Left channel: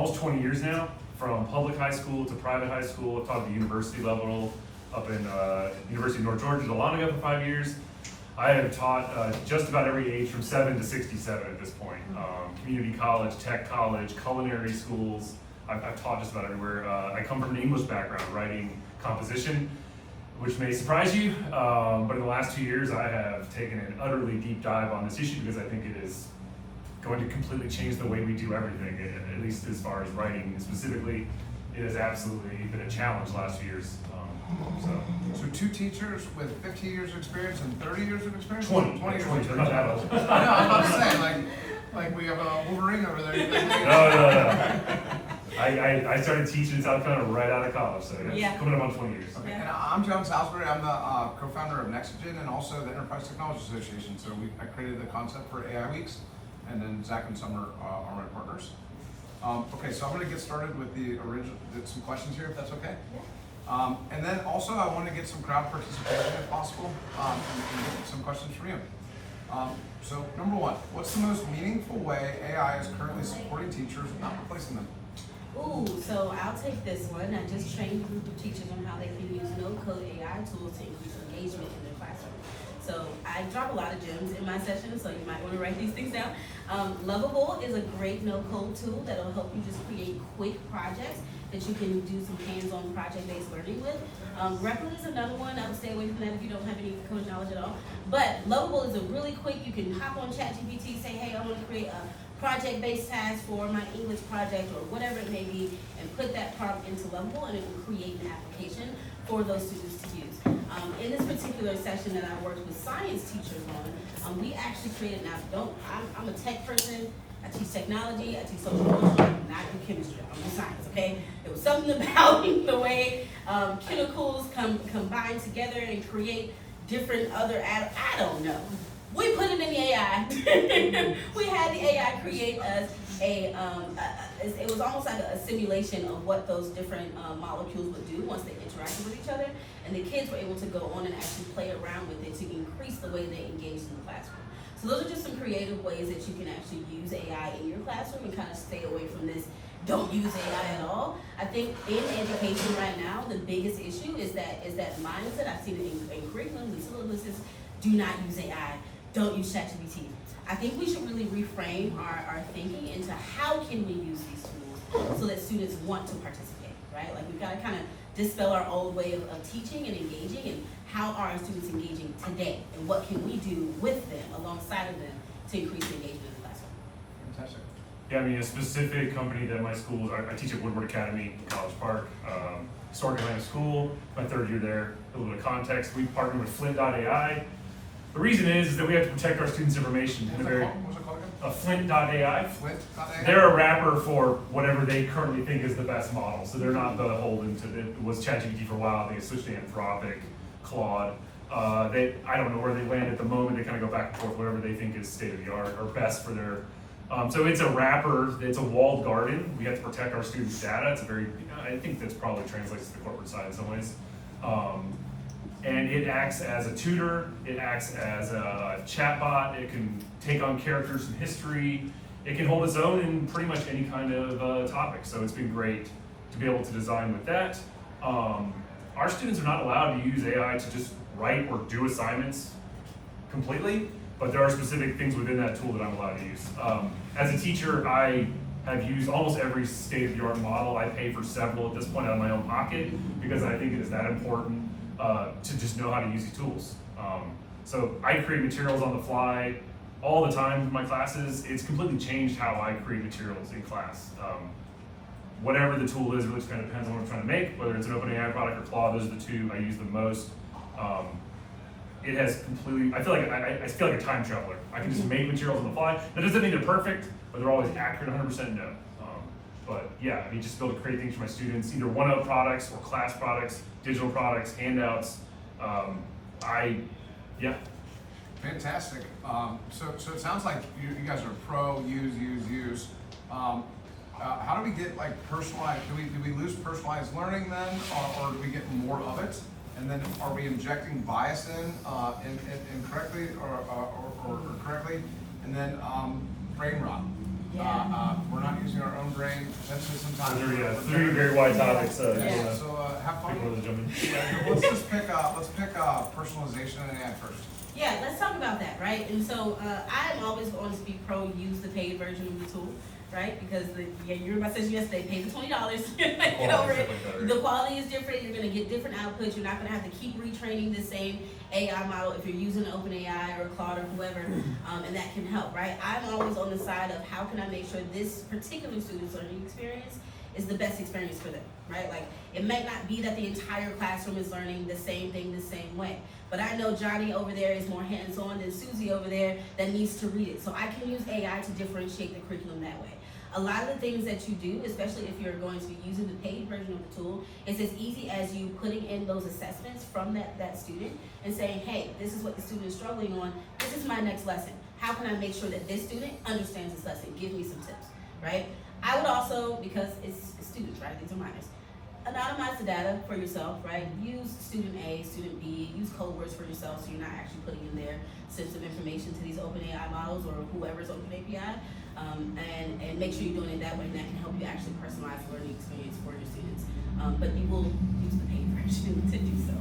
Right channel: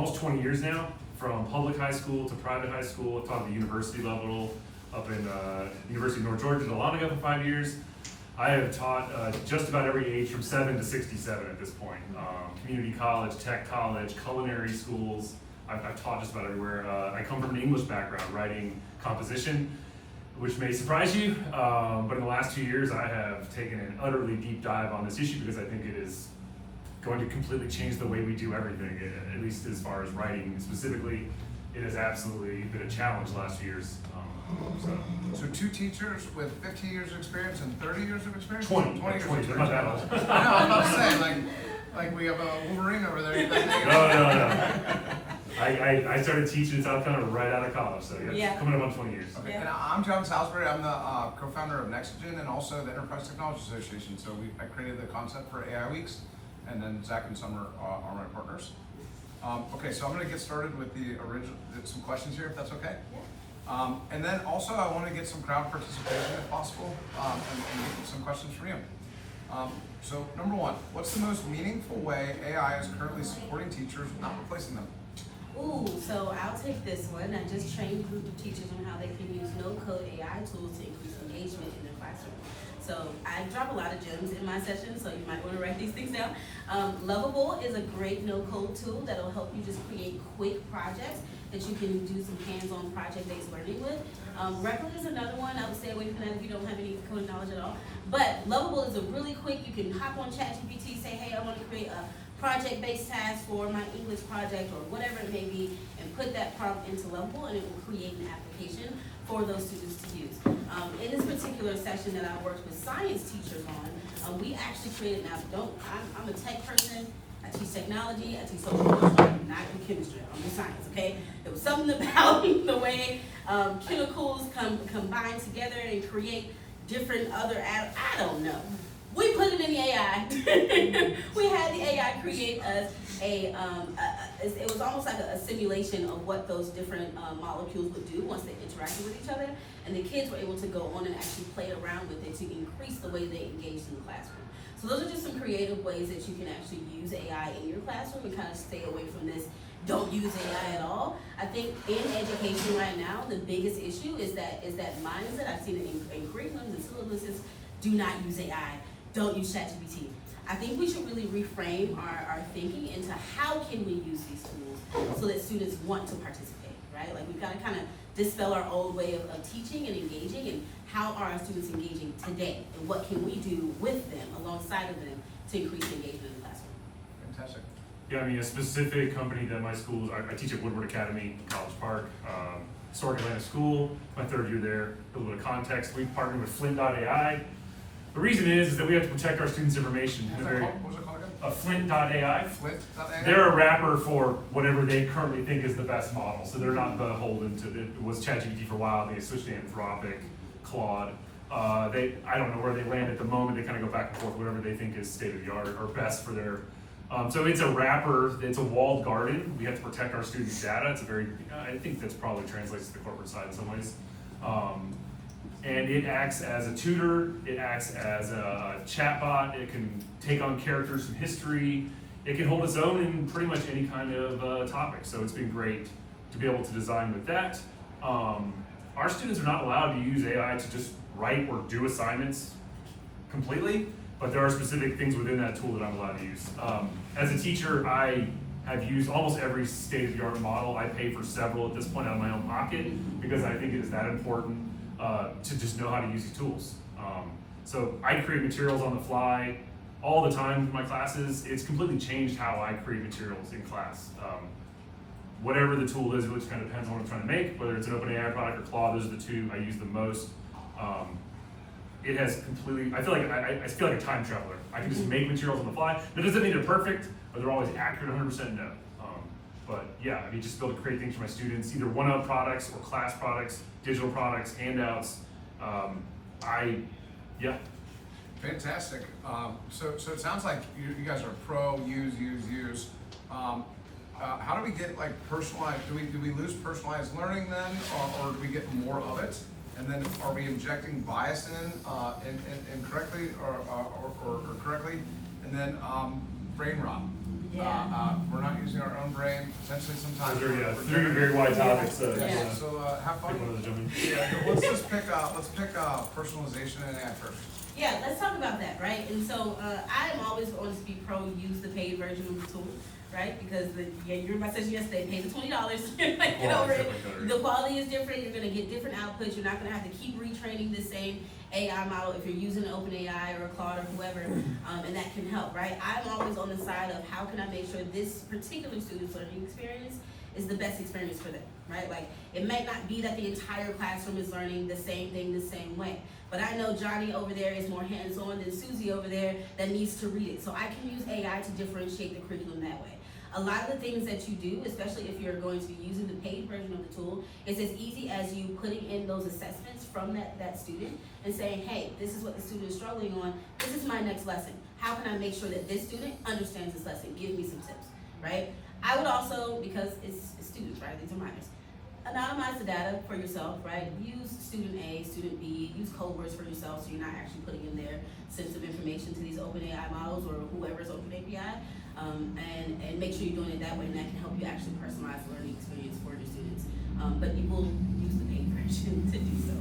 almost 20 years now, from public high school to private high school. I've taught at the university level up in University of North Georgia, Dahlonega for 5 years. I have taught just about every age from 7 to 67 at this point. Community college, tech college, culinary schools. I've taught just about everywhere. I come from an English background, writing composition, which may surprise you, but in the last 2 years I have taken an utterly deep dive on this issue because I think it is going to completely change the way we do everything, at least as far as writing specifically. It has absolutely been a challenge the last few years. So 2 teachers with 15 years of experience and 30 years of experience? 20 years of they're experience. not that old. I know, I'm about to say, like we have a Wolverine over there. No. I started teaching in South Carolina right out of college, so Yeah. coming up on 20 years. Okay, and I'm John Salisbury. I'm the co-founder of Nexogen and also the Enterprise Technology Association. So I created the concept for AI Weeks, and then Zach and Summer are my partners. Okay, so I'm going to get started with some questions here, if that's okay. And then also I want to get some crowd participation if possible, and get some questions from you. So number 1, what's the most meaningful way AI is currently supporting teachers, not replacing them? Ooh, so I'll take this one. I just trained a group of teachers on how they can use no-code AI tools to increase engagement in their classroom. So I drop a lot of gems in my session, so you might want to write these things down. Lovable is a great no-code tool that'll help you just create quick projects that you can do some hands-on project-based learning with. Replit is another one. I would stay away from that if you don't have any code knowledge at all. But Lovable is a really quick, you can hop on ChatGPT, say, hey, I want to create a project-based task for my English project or whatever it may be, and put that prompt into Lovable, and it will create an application for those students to use. In this particular session that I worked with science teachers on, we actually created, I'm a tech person, I teach technology, I teach social work, not in chemistry, I'm in science, okay? There was something about the way chemicals combine together and create different other, I don't know. We put it in the AI. We had the AI create us it was almost like a simulation of what those different molecules would do once they interacted with each other. And the kids were able to go on and actually play around with it to increase the way they engaged in the classroom. So those are just some creative ways that you can actually use AI in your classroom and kind of stay away from this don't use AI at all. I think in education right now, the biggest issue is that mindset. I've seen it in curriculum and syllabuses. Do not use AI. Don't use ChatGPT. I think we should really reframe our thinking into how can we use these tools so that students want to participate, right? Like we've got to kind of dispel our old way of teaching and engaging, and how are our students engaging today, and what can we do with them, alongside of them, to increase engagement in the classroom. Fantastic. Yeah, I mean, a specific company that my school, I teach at Woodward Academy in College Park, historic Atlanta school, my 3rd year there. A little bit of context, we partnered with Flint.ai. The reason is that we have to protect our students' information in a very, What was it called again? Flint.ai. Flint.ai? They're a wrapper for whatever they currently think is the best model. So they're not beholden to, it was ChatGPT for a while, they switched to Anthropic, Claude. I don't know where they land at the moment, they kind of go back and forth, whatever they think is state of the art or best for their, so it's a wrapper, it's a walled garden. We have to protect our students' data. It's a very, I think that's probably translates to the corporate side in some ways. And it acts as a tutor, it acts as a chatbot, it can take on characters from history, it can hold its own in pretty much any kind of topic. So it's been great to be able to design with that. Our students are not allowed to use AI to just write or do assignments completely, but there are specific things within that tool that I'm allowed to use. As a teacher, I have used almost every state-of-the-art model. I pay for several at this point out of my own pocket because I think it is that important to just know how to use these tools. So I create materials on the fly all the time for my classes. It's completely changed how I create materials in class. Whatever the tool is, really kind of depends on what I'm trying to make, whether it's an OpenAI product or Claude. Those are the two I use the most. It has completely, I feel like a time traveler. I can just make materials on the fly. That doesn't mean they're perfect, but they're always accurate 100% no. But yeah, I mean, just be able to create things for my students, either one-up products or class products, digital products, handouts. Yeah. Fantastic. So it sounds like you guys are pro, use. How do we get like personalized? Do we lose personalized learning then, or do we get more of it? And then are we injecting bias in incorrectly or correctly? And then brain rot. We're not using our own brain, potentially sometimes. Those are, yeah, three very wide topics. Yeah. So have Pick one fun. of those, gentlemen. Yeah, let's pick personalization and AI first. Yeah, let's talk about that, right? And so I'm always going to be pro use the paid version of the tool, right? Because you remember I said yesterday, pay the $20, get over it. The quality is different. You're going to get different outputs. You're not going to have to keep retraining the same AI model if you're using OpenAI or Claude or whoever, and that can help, right? I'm always on the side of how can I make sure this particular student's learning experience is the best experience for them, right? Like, it may not be that the entire classroom is learning the same thing the same way, but I know Johnny over there is more hands-on than Susie over there that needs to read it. So I can use AI to differentiate the curriculum that way. A lot of the things that you do, especially if you're going to be using the paid version of the tool, is as easy as you putting in those assessments from that student and saying, hey, this is what the student is struggling on, this is my next lesson. How can I make sure that this student understands this lesson? Give me some tips, right? I would also, because it's students, right, these are minors, anonymize the data for yourself, right? Use student A, student B, use code words for yourself so you're not actually putting in their sensitive information to these OpenAI models or whoever's OpenAPI. And make sure you're doing it that way, and that can help you actually personalize learning experience for your students. But you will use the paid version to do so.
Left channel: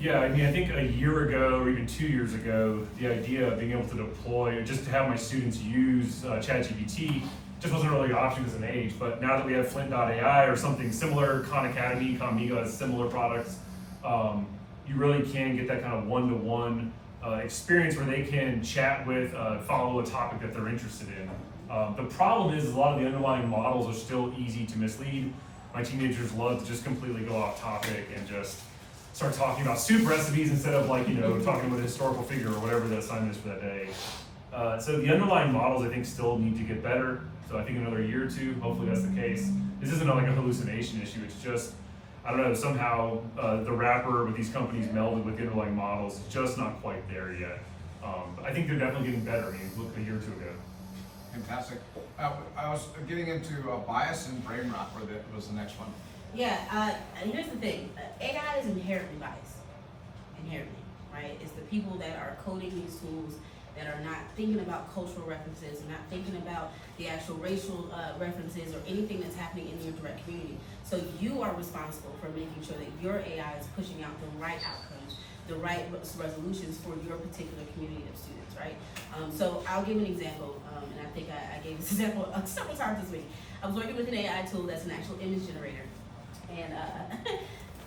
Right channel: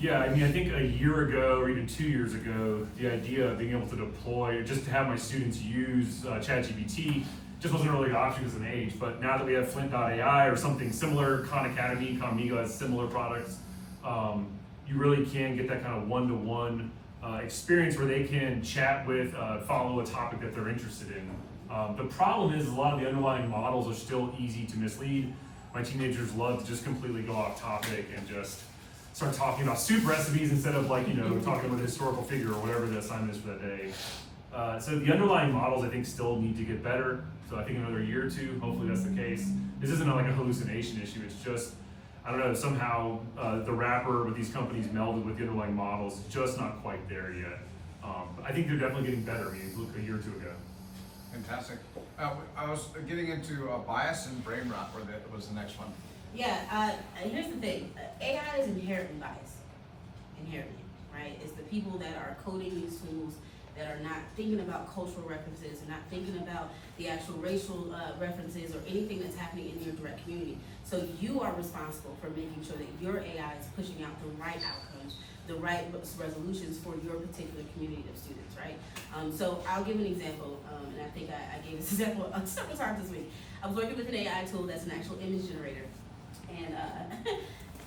Yeah, I mean, I think a year ago, or even 2 years ago, the idea of being able to deploy, or just to have my students use ChatGPT, just wasn't really an option because of an age. But now that we have Flint.ai or something similar, Khan Academy, Comnigo has similar products, you really can get that kind of one-to-one experience where they can chat with, follow a topic that they're interested in. The problem is a lot of the underlying models are still easy to mislead. My teenagers love to just completely go off topic and just start talking about soup recipes instead of talking about a historical figure or whatever the assignment is for that day. So the underlying models I think still need to get better. So I think another year or two, hopefully that's the case. This isn't like a hallucination issue, it's just, I don't know, somehow the wrapper with these companies melded with the underlying models is just not quite there yet. But I think they're definitely getting better. I mean, look a year or two ago. Fantastic. I was getting into bias and brain rot was the next one. Yeah, here's the thing. AI is inherently biased. Inherently, right? It's the people that are coding these tools that are not thinking about cultural references, not thinking about the actual racial references or anything that's happening in your direct community. So you are responsible for making sure that your AI is pushing out the right outcomes, the right resolutions for your particular community of students, right? So I'll give an example, and I think I gave this example several times this week. I was working with an AI tool that's an actual image generator. And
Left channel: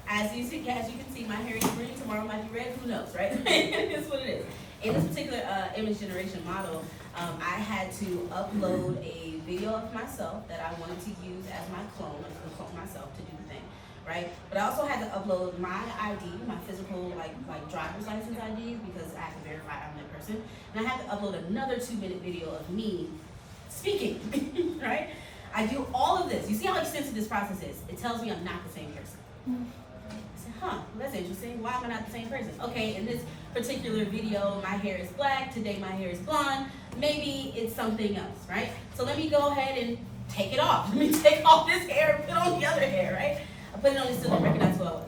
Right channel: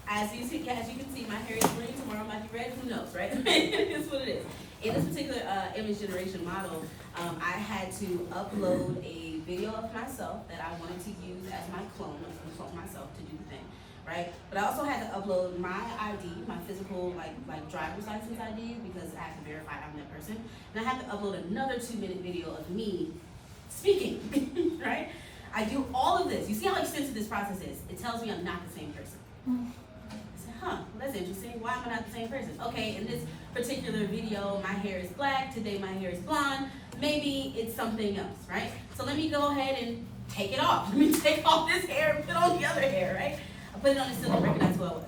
as you can see, my hair is green, tomorrow might be red, who knows, right? It's what it is. In this particular image generation model, I had to upload a video of myself that I wanted to use as my clone. I was going to clone myself to do the thing, right? But I also had to upload my ID, my physical like driver's license ID, because I have to verify I'm that person. And I had to upload another 2-minute video of me speaking, right? I do all of this. You see how extensive this process is? It tells me I'm not the same person. I said, well, that's interesting. Why am I not the same person? Okay, in this particular video, my hair is black. Today, my hair is blonde. Maybe it's something else, right? So let me go ahead and take it off. Let me take off this hair and put on the other hair, right? I put it on, it still don't recognize who I was.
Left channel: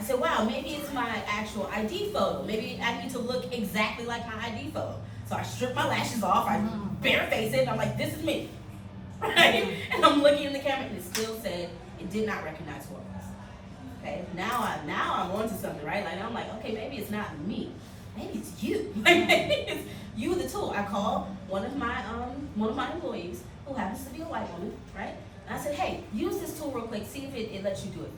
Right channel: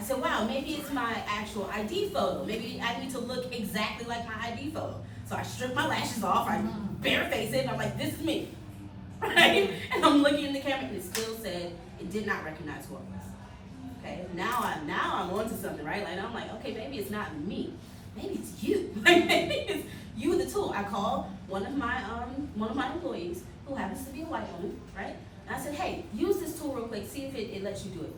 I said, wow, maybe it's my actual ID photo. Maybe I need to look exactly like my ID photo. So I strip my lashes off, I bareface it, and I'm like, this is me. Right? And I'm looking in the camera and it still said it did not recognize who I was. Okay, now I'm onto something, right? Like I'm like, okay, maybe it's not me. Maybe it's you. Like maybe it's you, the tool. I called one of my employees who happens to be a white woman, right? And I said, hey, use this tool real quick, see if it lets you do it.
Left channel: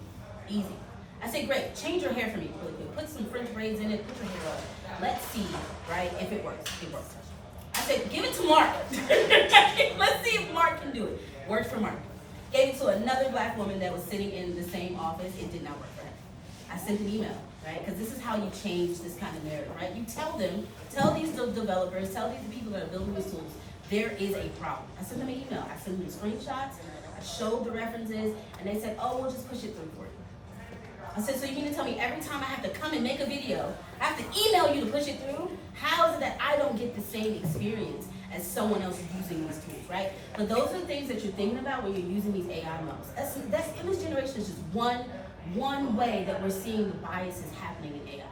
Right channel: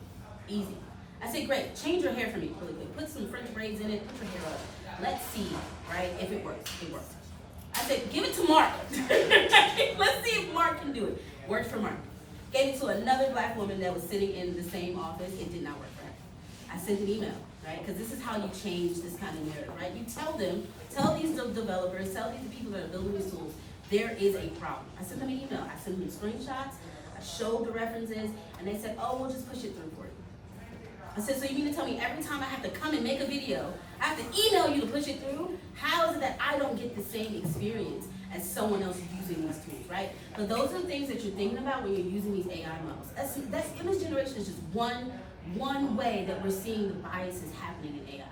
Easy. I said, great, change your hair for me really quick. Put some French braids in it, put your hair up. Let's see, right, if it works. It works. I said, give it to Mark. Let's see if Mark can do it. Worked for Mark. Gave it to another black woman that was sitting in the same office. It did not work for her. I sent an email, right? Because this is how you change this kind of narrative, right? You tell these developers, tell these people that are building these tools, there is a problem. I sent them an email. I sent them screenshots. I showed the references, and they said, oh, we'll just push it through for you. I said, so you mean to tell me every time I have to come and make a video, I have to email you to push it through? How is it that I don't get the same experience as someone else using these tools, right? But those are the things that you're thinking about when you're using these AI models. That's image generation is just one way that we're seeing the biases happening in AI,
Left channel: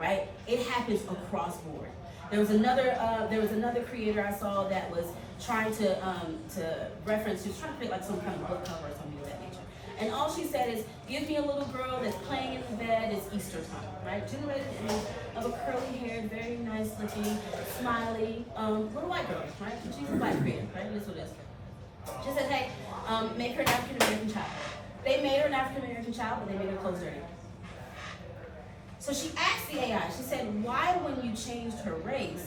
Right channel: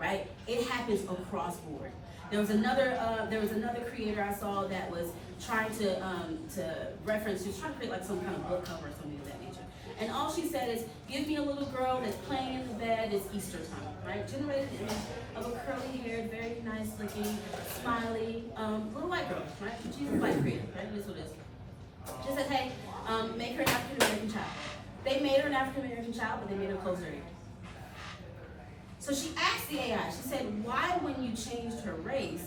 right? It happens across board. There was another creator I saw that was trying to reference, she was trying to create like some kind of book cover or something of that nature. And all she said is, give me a little girl that's playing in the bed, it's Easter time, right? Generated an image of a curly haired, very nice looking, smiley, little white girl, right? She's a white Korean, right? That's what it is. She said, hey, make her an African American child. They made her an African American child, but they made her clothes dirty. So she asked the AI, she said, why when you changed her race,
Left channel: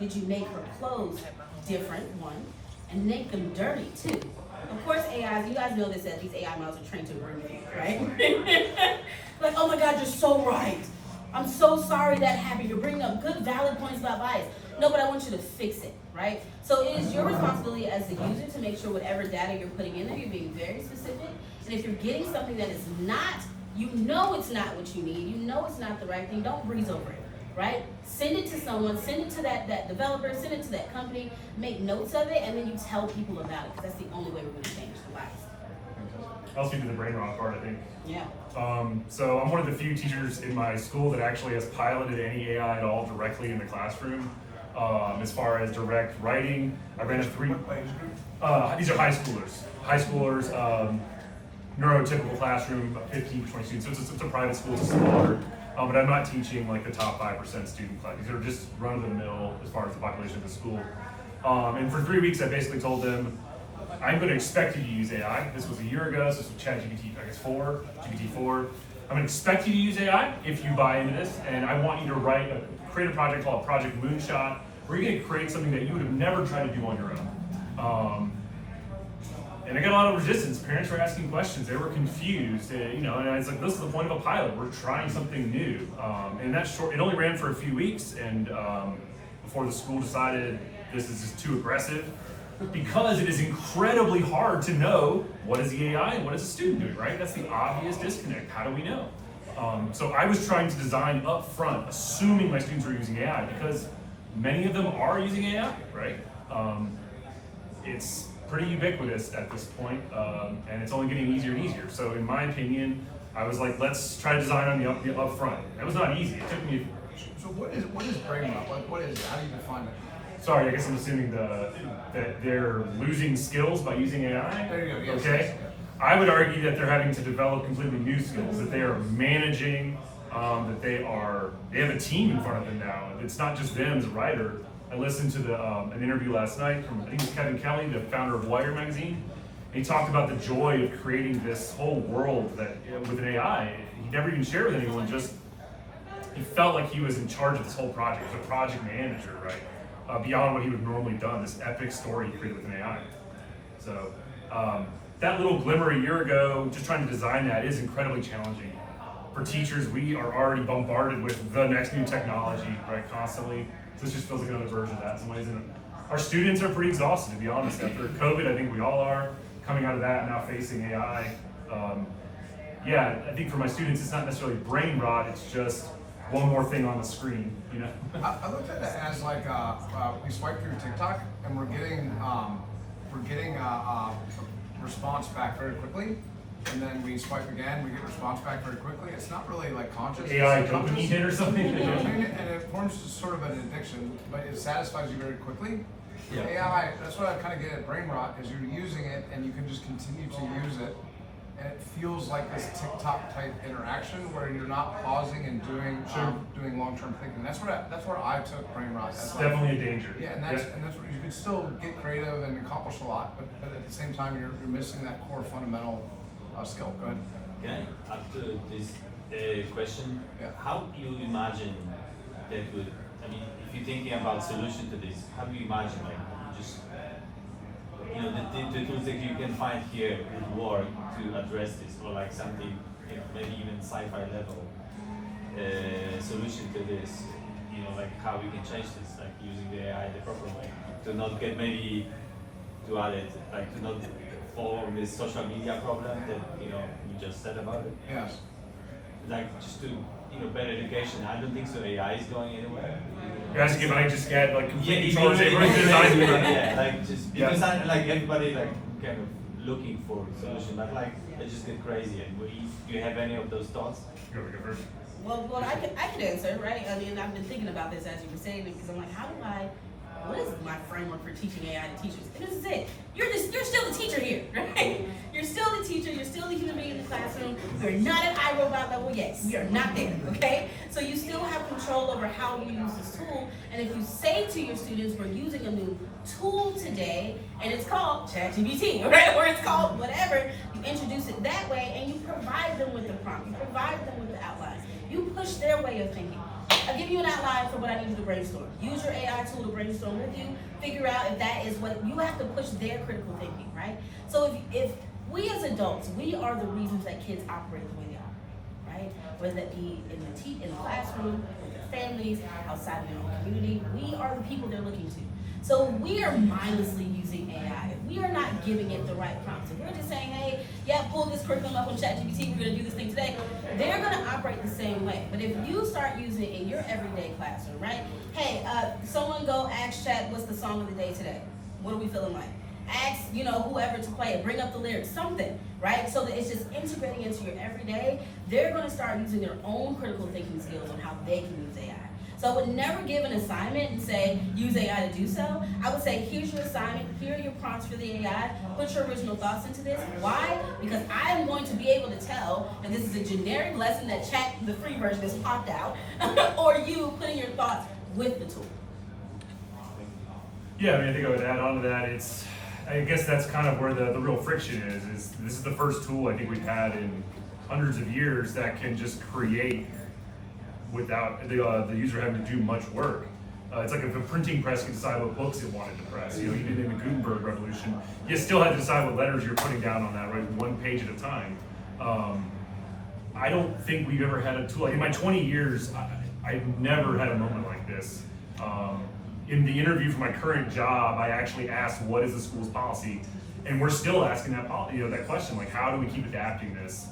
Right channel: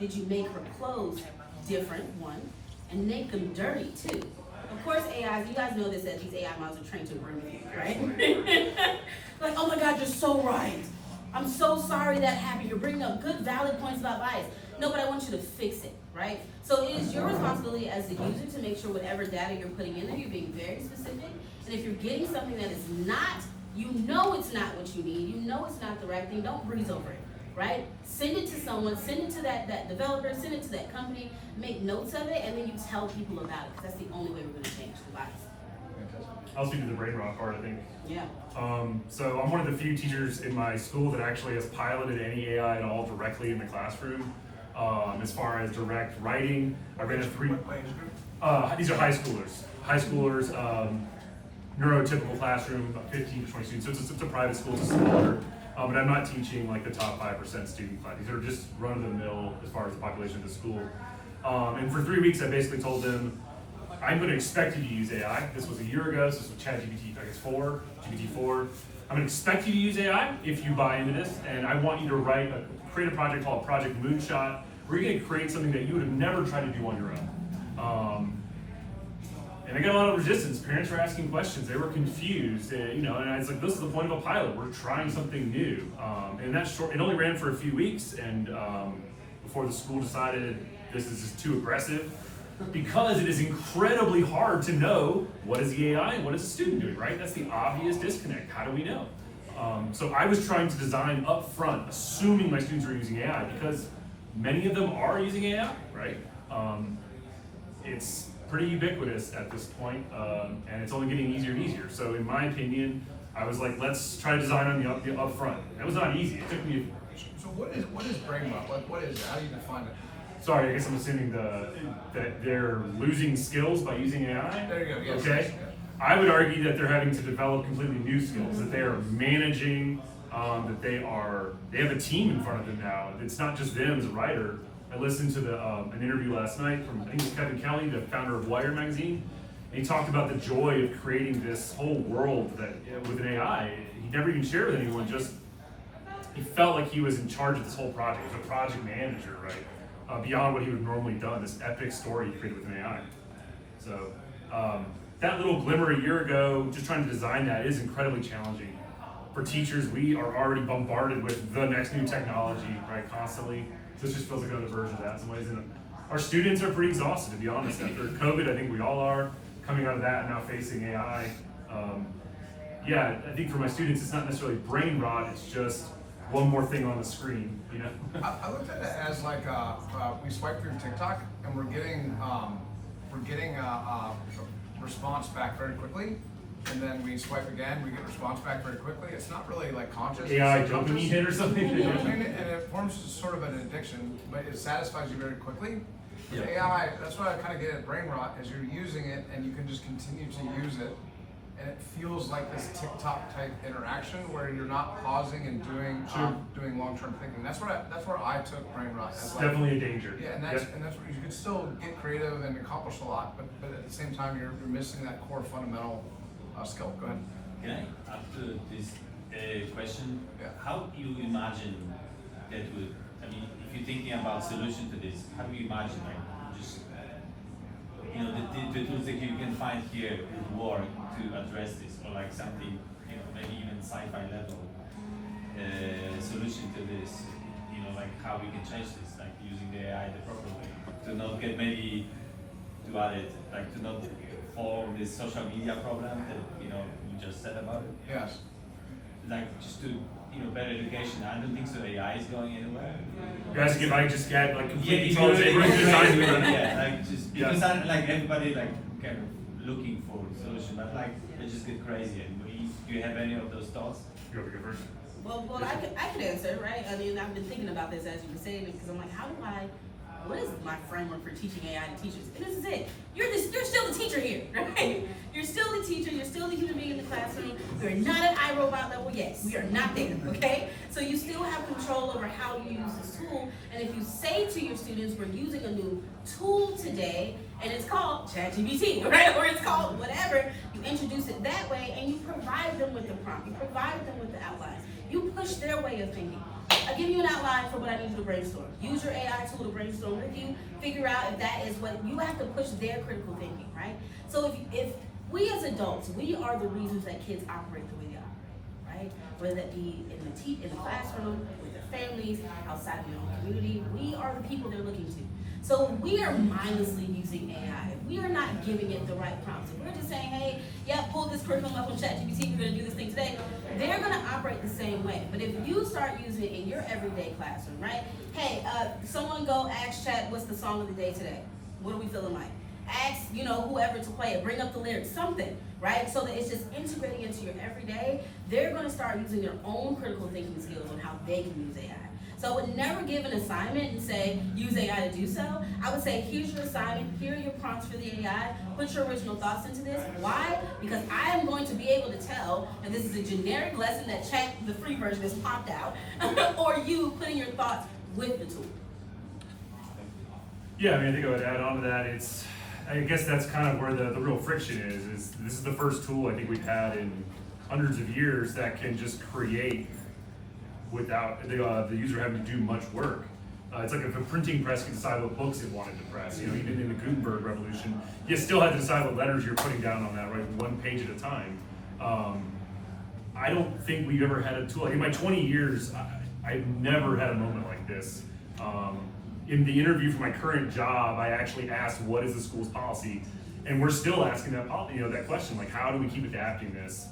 did you make her clothes different, one, and make them dirty, two? Of course, AIs, you guys know this, that these AI models are trained to agree with you, right? Like, oh my God, you're so right. I'm so sorry that happened. You're bringing up good, valid points about bias. No, but I want you to fix it, right? So it is your responsibility as the user to make sure whatever data you're putting in there, you're being very specific. And if you're getting something that is not, you know it's not what you need, you know it's not the right thing, don't breeze over it, right? Send it to someone, send it to that developer, send it to that company, make notes of it, and then you tell people about it, because that's the only way we're going to change the lives. I'll speak to the brain rot part, I think. Yeah. So I'm one of the few teachers in my school that actually has piloted any AI at all directly in the classroom. As far as direct writing, I ran a these are high schoolers, neurotypical classroom, about 15 to 20 students. So it's a private school, it's a smaller, but I'm not teaching like the top 5% student class. These are just run of the mill as far as the population of the school. And for 3 weeks, I basically told them, I'm going to expect you to use AI. This was a year ago, so this was ChatGPT, I guess GPT-4. I'm going to expect you to use AI if you buy into this, and I want you to create a project called Project Moonshot, where you're going to create something that you would have never tried to do on your own. And I got a lot of resistance. Parents were asking questions. They were confused. And it's like, this is the point of a pilot. We're trying something new. And that's short. It only ran for a few weeks, and before the school decided this is just too aggressive, because it is incredibly hard to know what is the AI and what is the student doing, right? That's the obvious disconnect. How do we know? So I was trying to design up front, assuming my students were using AI, because many of them are using AI, right? It's pretty ubiquitous at this point, and it's only getting easier and easier. So in my opinion, I was like, let's try to design on the up front. That was not easy. It took me. So what is brain rot? Like, what is it? How do you define it? Sorry, I guess I'm assuming that they're losing skills by using AI. There you go. Yes, Okay. yes, yes. I would argue that they're having to develop completely new skills, that they are managing, that they have a team in front of them now. It's not just them as a writer. I listened to an interview last night from, I think it was Kevin Kelly, the founder of Wire magazine. And he talked about the joy of creating this whole world that with an AI. He never even shared with anyone, just he felt like he was in charge of this whole project. He was a project manager, right? Beyond what he would have normally done, this epic story he created with an AI. So that little glimmer a year ago, just trying to design that is incredibly challenging. For teachers, we are already bombarded with the next new technology, right, constantly. So this just feels like another version of that in some ways. And our students are pretty exhausted, to be honest. After COVID, I think we all are, coming out of that and now facing AI. Yeah, I think for my students, it's not necessarily brain rot, it's just one more thing on the screen, you know? I looked at it as like we swipe through TikTok and we're getting a response back very quickly, and then we swipe again, we get response back very quickly. It's not really like conscious. AI dopamine hit or something. You know what I mean? And it forms sort of an addiction, but it satisfies you very quickly. Yeah. AI, that's what I kind of get at brain rot, is you're using it and you can just continue to use it. And it feels like this TikTok type interaction where you're not pausing and doing long-term thinking. That's where I took brain rot. It's definitely a danger. Yeah, and that's where you can still get creative and accomplish a lot, but at the same time you're missing that core fundamental skill. Go ahead. Can I, after this question, Yeah. how do you imagine that would, I mean, if you're thinking about solution to this, how do you imagine, like, just, you know, the tools that you can find here would work to address this, or like something, you know, maybe even sci-fi level solution to this, you know, like how we can change this, like using the AI the proper way, to not get maybe, to add it, like to not fall on this social media problem that, you know, you just said about it. Yes. Like just to, you know, better education. I don't think so AI is going anywhere. Guys, if I just get like complete you control, know, say, we're going to design it. yeah, like just Yeah. because like everybody like kind of looking for a solution, but like they just get crazy. And do you have any of those thoughts? Go first. Well, I could answer, right? I mean, I've been thinking about this as you were saying it, because I'm like, how do I what is my framework for teaching AI to teachers? And this is it. You're still the teacher here, right? You're still the teacher, you're still the human being in the classroom. We're not at iRobot level yet. We are not there, okay? So you still have control over how you use this tool. And if you say to your students, we're using a new tool today, and it's called ChatGPT, right? Or it's called whatever, you introduce it that way, and you provide them with the prompt, you provide them with the outline. You push their way of thinking. I'll give you an outline for what I need you to brainstorm. Use your AI tool to brainstorm with you. Figure out if that is what you have to push their critical thinking, right? So if we as adults, we are the reasons that kids operate the way they are, right? Whether that be in the classroom, with their families, outside of their own community, we are the people they're looking to. So we are mindlessly using AI. If we are not giving it the right prompts, if we're just saying, hey, yeah, pull this curriculum up on ChatGPT, we're gonna do this thing today, they're gonna operate the same way. But if you start using it in your everyday classroom, right? Hey, someone go ask Chat, what's the song of the day today? What are we feeling like? Ask, whoever to play it, bring up the lyrics, something, right? So that it's just integrating into your everyday. They're gonna start using their own critical thinking skills on how they can use AI. So I would never give an assignment and say, use AI to do so. I would say, here's your assignment, here are your prompts for the AI, put your original thoughts into this. Why? Because I am going to be able to tell if this is a generic lesson that Chat, the free version, has popped out, or you putting your thoughts with the tool. Yeah, I think I would add on to that. I guess that's kind of where the real friction is this is the first tool I think we've had in hundreds of years that can just create without the user having to do much work. It's like if a printing press could decide what books it wanted to press. Even in the Gutenberg revolution, you still had to decide what letters you're putting down on that, right? One page at a time. I don't think we've ever had a tool. In my 20 years, I've never had a moment like this. In the interview for my current job, I actually asked, what is the school's policy? And we're still asking that question, like how do we keep adapting this?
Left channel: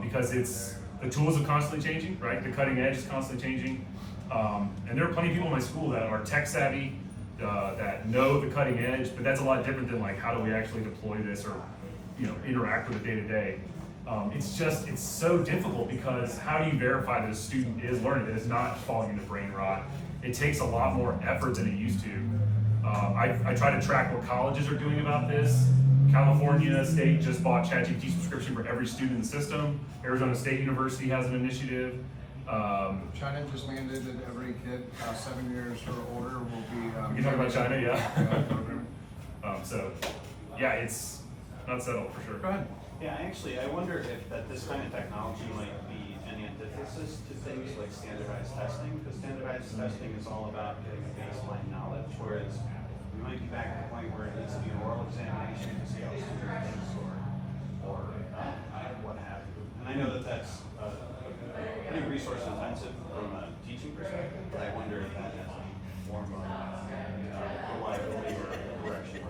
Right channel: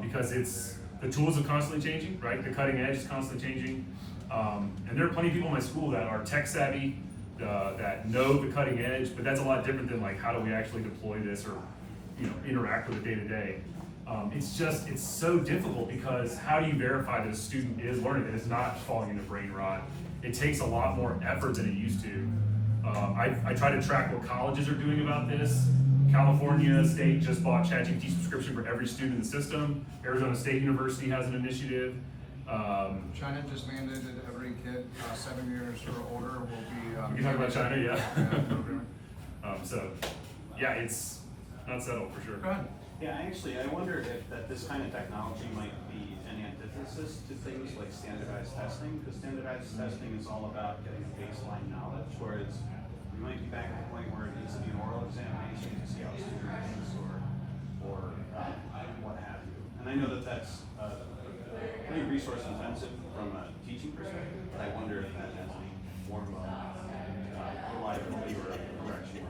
Because the tools are constantly changing, right? The cutting edge is constantly changing. And there are plenty of people in my school that are tech savvy, that know the cutting edge, but that's a lot different than like, how do we actually deploy this or, interact with it day to day? It's so difficult because how do you verify that a student is learning, that it's not falling into brain rot? It takes a lot more effort than it used to. I try to track what colleges are doing about this. California State just bought ChatGPT subscription for every student in the system. Arizona State University has an initiative. China just mandated every kid 7 years or older will be. We can talk about China, yeah. So, yeah, it's not settled for sure. Go ahead. Yeah, I wonder if this kind of technology might be an antithesis to things like standardized testing, because standardized testing is all about getting a baseline knowledge, whereas we might be back at the point where it needs to be an oral examination to see how a student thinks or what have you. And I know that that's pretty resource intensive from a teaching perspective, but I wonder if that has any form of reliability or direction.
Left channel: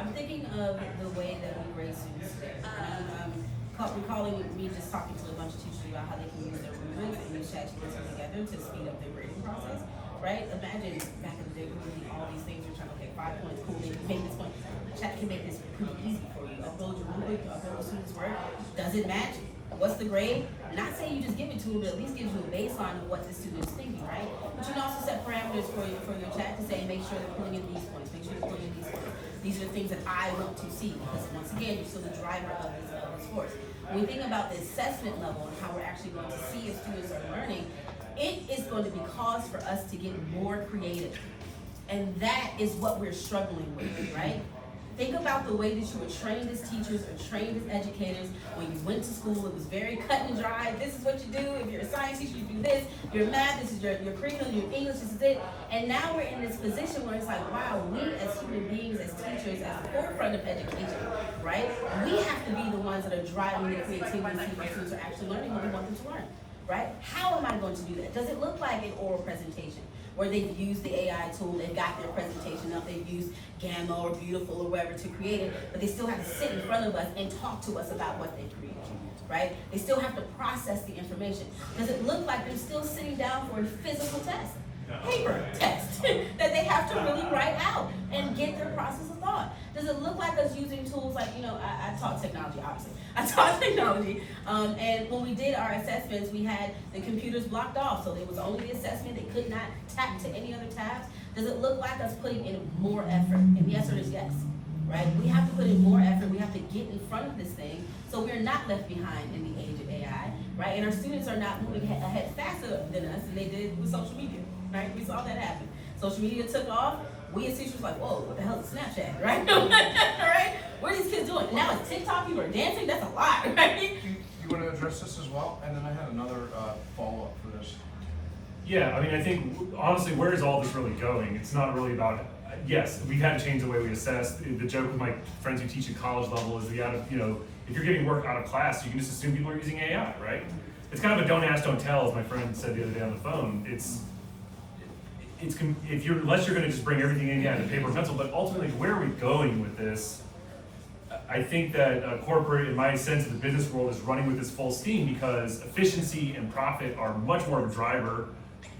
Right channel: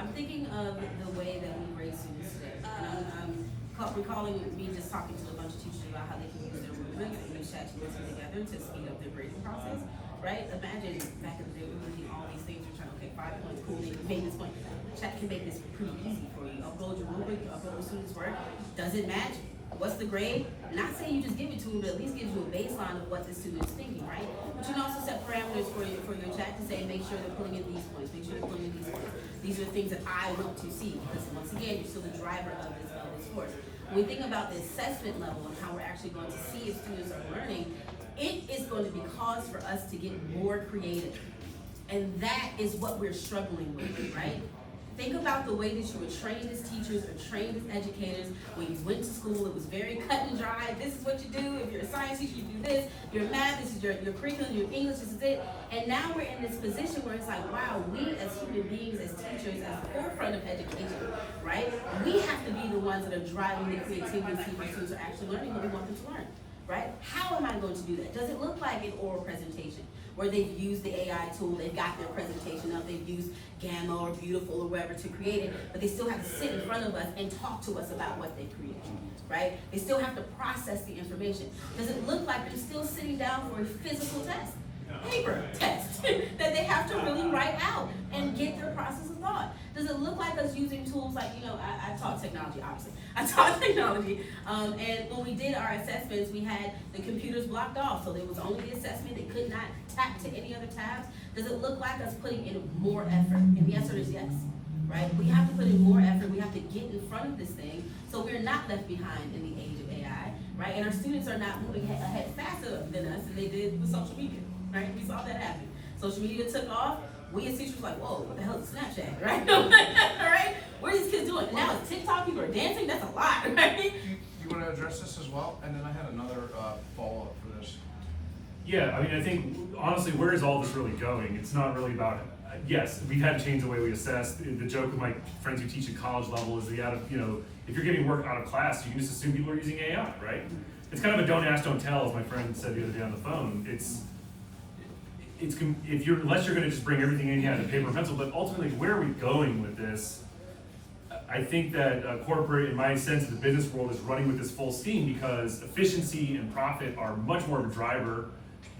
I'm thinking of the way that we grade students today. And I'm recalling me just talking to a bunch of teachers about how they can use their rubrics and use ChatGPT together to speed up their grading process, right? Imagine back in the day, we're doing all these things, you're trying to, okay, 5 points, cool, you made this point. Chat can make this pretty easy for you. Upload your rubric, upload the student's work. Does it match? What's the grade? Not saying you just give it to them, but at least gives you a baseline of what the student is thinking, right? But you can also set parameters for your chat to say, make sure they're pulling in these points, make sure they're pulling in these points. These are the things that I want to see, because once again, you're still the driver of this course. When we think about the assessment level and how we're actually going to see if students are learning, it is going to be cause for us to get more creative. And that is what we're struggling with, right? Think about the way that you were trained as teachers or trained as educators. When you went to school, it was very cut and dry. This is what you do. If you're a science teacher, you do this. Your math, this is your curriculum, your English, this is it. And now we're in this position where it's like, wow, we as human beings, as teachers, at the forefront of education, right? We have to be the ones that are driving the creativity to see if our students are actually learning what we want them to learn, right? How am I going to do that? Does it look like an oral presentation, where they've used the AI tool, they've got their presentation up, they've used Gamma or Beautiful or wherever to create it, but they still have to sit in front of us and talk to us about what they created, right? They still have to process the information. Does it look like them still sitting down for a physical test, paper test, that they have to really write out and get their process of thought? Does it look like us using tools like, I taught technology, obviously. I taught technology, and when we did our assessments, we had the computers blocked off, so there was only the assessment. They could not tap to any other tabs. Does it look like us putting in more effort? And the answer is yes, right? We have to put in more effort. We have to get in front of this thing so we're not left behind in the age of AI, right? And our students are not moving ahead faster than us than they did with social media, right? We saw that happen. Social media took off. We as teachers were like, whoa, what the hell is Snapchat, right? Right? What are these kids doing? Now it's TikTok, people are dancing, that's a lot, right? You want to address this as well? And then I had another follow-up for this. Yeah, I mean, I think, honestly, where is all this really going? It's not really about, yes, we've had to change the way we assess. The joke with my friends who teach at college level is if you're giving work out of class, you can just assume people are using AI, right? It's kind of a don't ask, don't tell, as my friend said the other day on the phone. Unless you're gonna just bring everything in, the paper and pencil, but ultimately, where are we going with this? I think that corporate, in my sense, the business world is running with this full steam because efficiency and profit are much more of a driver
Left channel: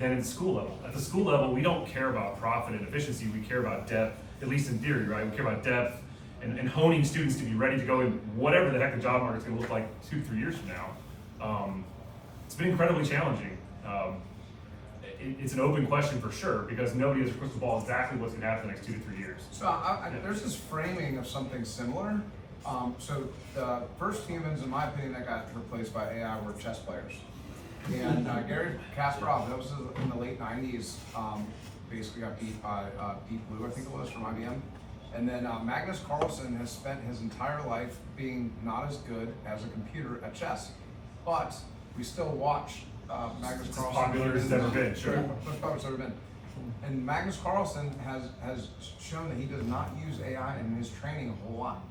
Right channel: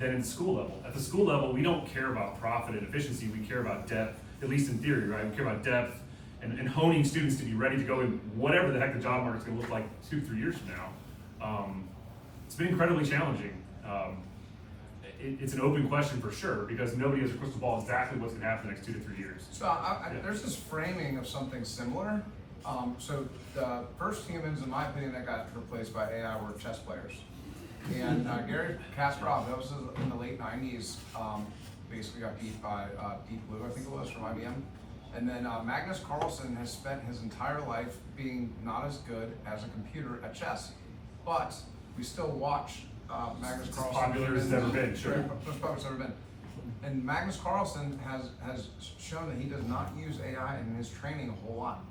than in the school level. At the school level, we don't care about profit and efficiency, we care about depth, at least in theory, right? We care about depth and honing students to be ready to go in whatever the heck the job market's gonna look like 2-3 years from now. It's been incredibly challenging. It's an open question for sure because nobody has a crystal ball exactly what's gonna happen in the next 2 to 3 years. So there's this framing of something similar. So the first humans, in my opinion, that got replaced by AI were chess players. And Gary Kasparov, that was in the late 90s, basically got beat by Deep Blue, I think it was, from IBM. And then Magnus Carlsen has spent his entire life being not as good as a computer at chess. But we still watch Magnus Carlsen. As popular as it's ever been, sure. Most popular it's ever been. And Magnus Carlsen has shown that he does not use AI in his training a whole lot.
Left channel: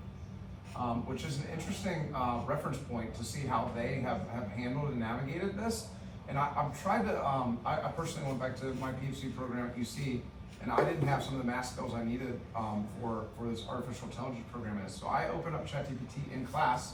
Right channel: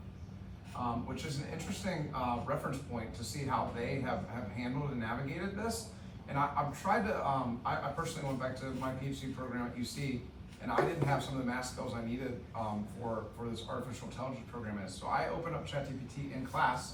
Which is an interesting reference point to see how they have handled and navigated this. And I've tried to, I personally went back to my PhD program at UC, and I didn't have some of the math skills I needed for this artificial intelligence program is. So I opened up ChatGPT in class,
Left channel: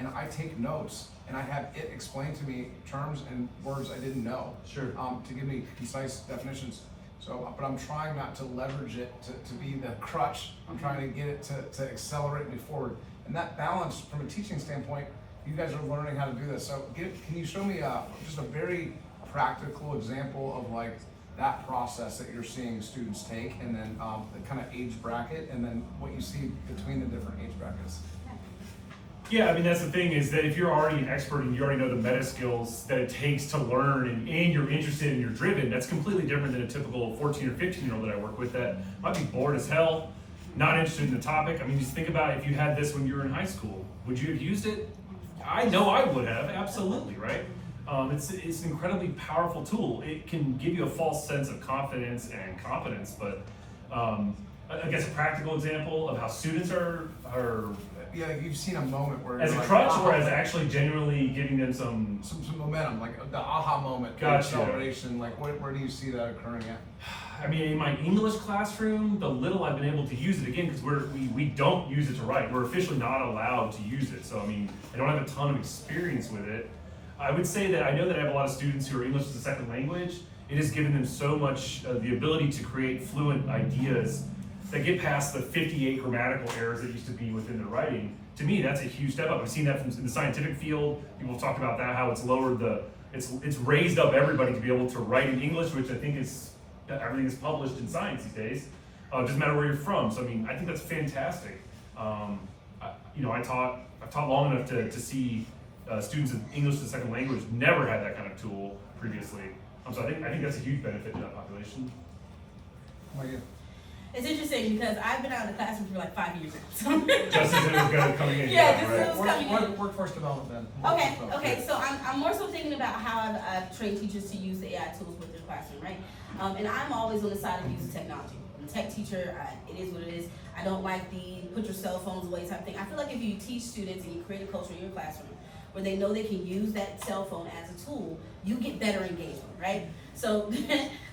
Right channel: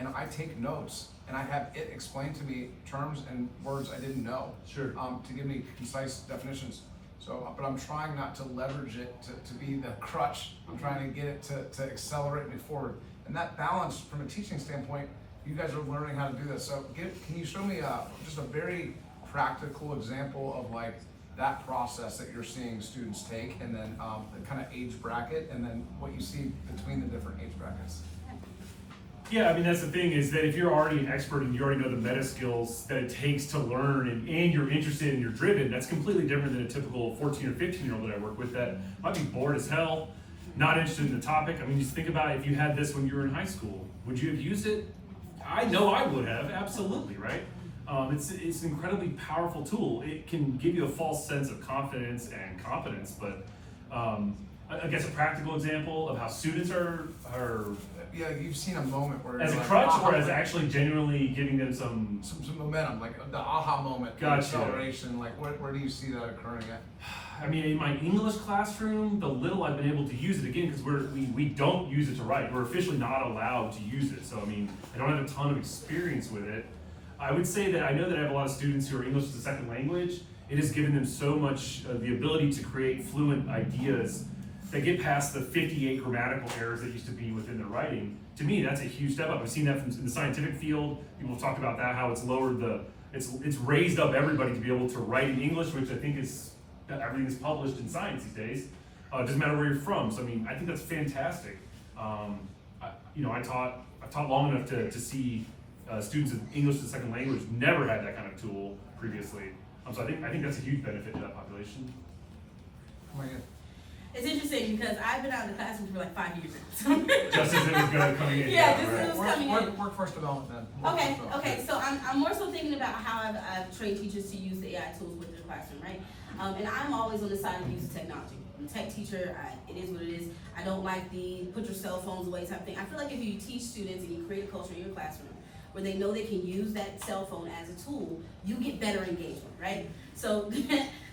and I take notes, and I have it explain to me terms and words I didn't know. Sure. To give me concise definitions. So, but I'm trying not to leverage it to be the crutch. I'm trying to get it to accelerate me forward. And that balance, from a teaching standpoint, you guys are learning how to do this. So can you show me just a very practical example of like that process that you're seeing students take, and then the kind of age bracket, and then what you see between the different age brackets? Yeah, I mean, that's the thing is that if you're already an expert and you already know the meta skills that it takes to learn and you're interested and you're driven, that's completely different than a typical 14 or 15-year-old that I work with that might be bored as hell, not interested in the topic. I mean, just think about if you had this when you were in high school, would you have used it? I know I would have, absolutely, right? It's an incredibly powerful tool. It can give you a false sense of confidence and competence, but I guess a practical example of how students are Yeah, you've seen a moment where as a like, crutch aha, or as actually genuinely giving them some some momentum, like the aha moment, the Gotcha. acceleration. Like where do you see that occurring at? I mean, in my English classroom, the little I've been able to use it again, because we don't use it to write. We're officially not allowed to use it. So, I mean, I don't have a ton of experience with it. I would say that I know that I have a lot of students who are English as a second language. It has given them so much the ability to create fluent ideas that get past the 58 grammatical errors that used to be within the writing. To me, that's a huge step up. I've seen that in the scientific field. People talk about that, how it's lowered it's raised up everybody to be able to write in English, which I think is, everything is published in science these days. It doesn't matter where you're from. So I mean, I think that's fantastic. I've taught long enough to see students of English as a second language never had that kind of tool previously. So I think that's a huge benefit to that population. Oh, yeah. It's interesting because I've been out of the classroom for like 5 years now. Just as it was going to coming in. Yeah, just right. as it was coming in. Workforce development then. Okay, so I'm more so thinking about how I've trained teachers to use the AI tools with their classroom, right? And I'm always on the side of using technology. I'm a tech teacher, it is what it is. I don't like the put your cell phones away type thing. I feel like if you teach students and you create a culture in your classroom where they know they can use that cell phone as a tool, you get better engagement, right? So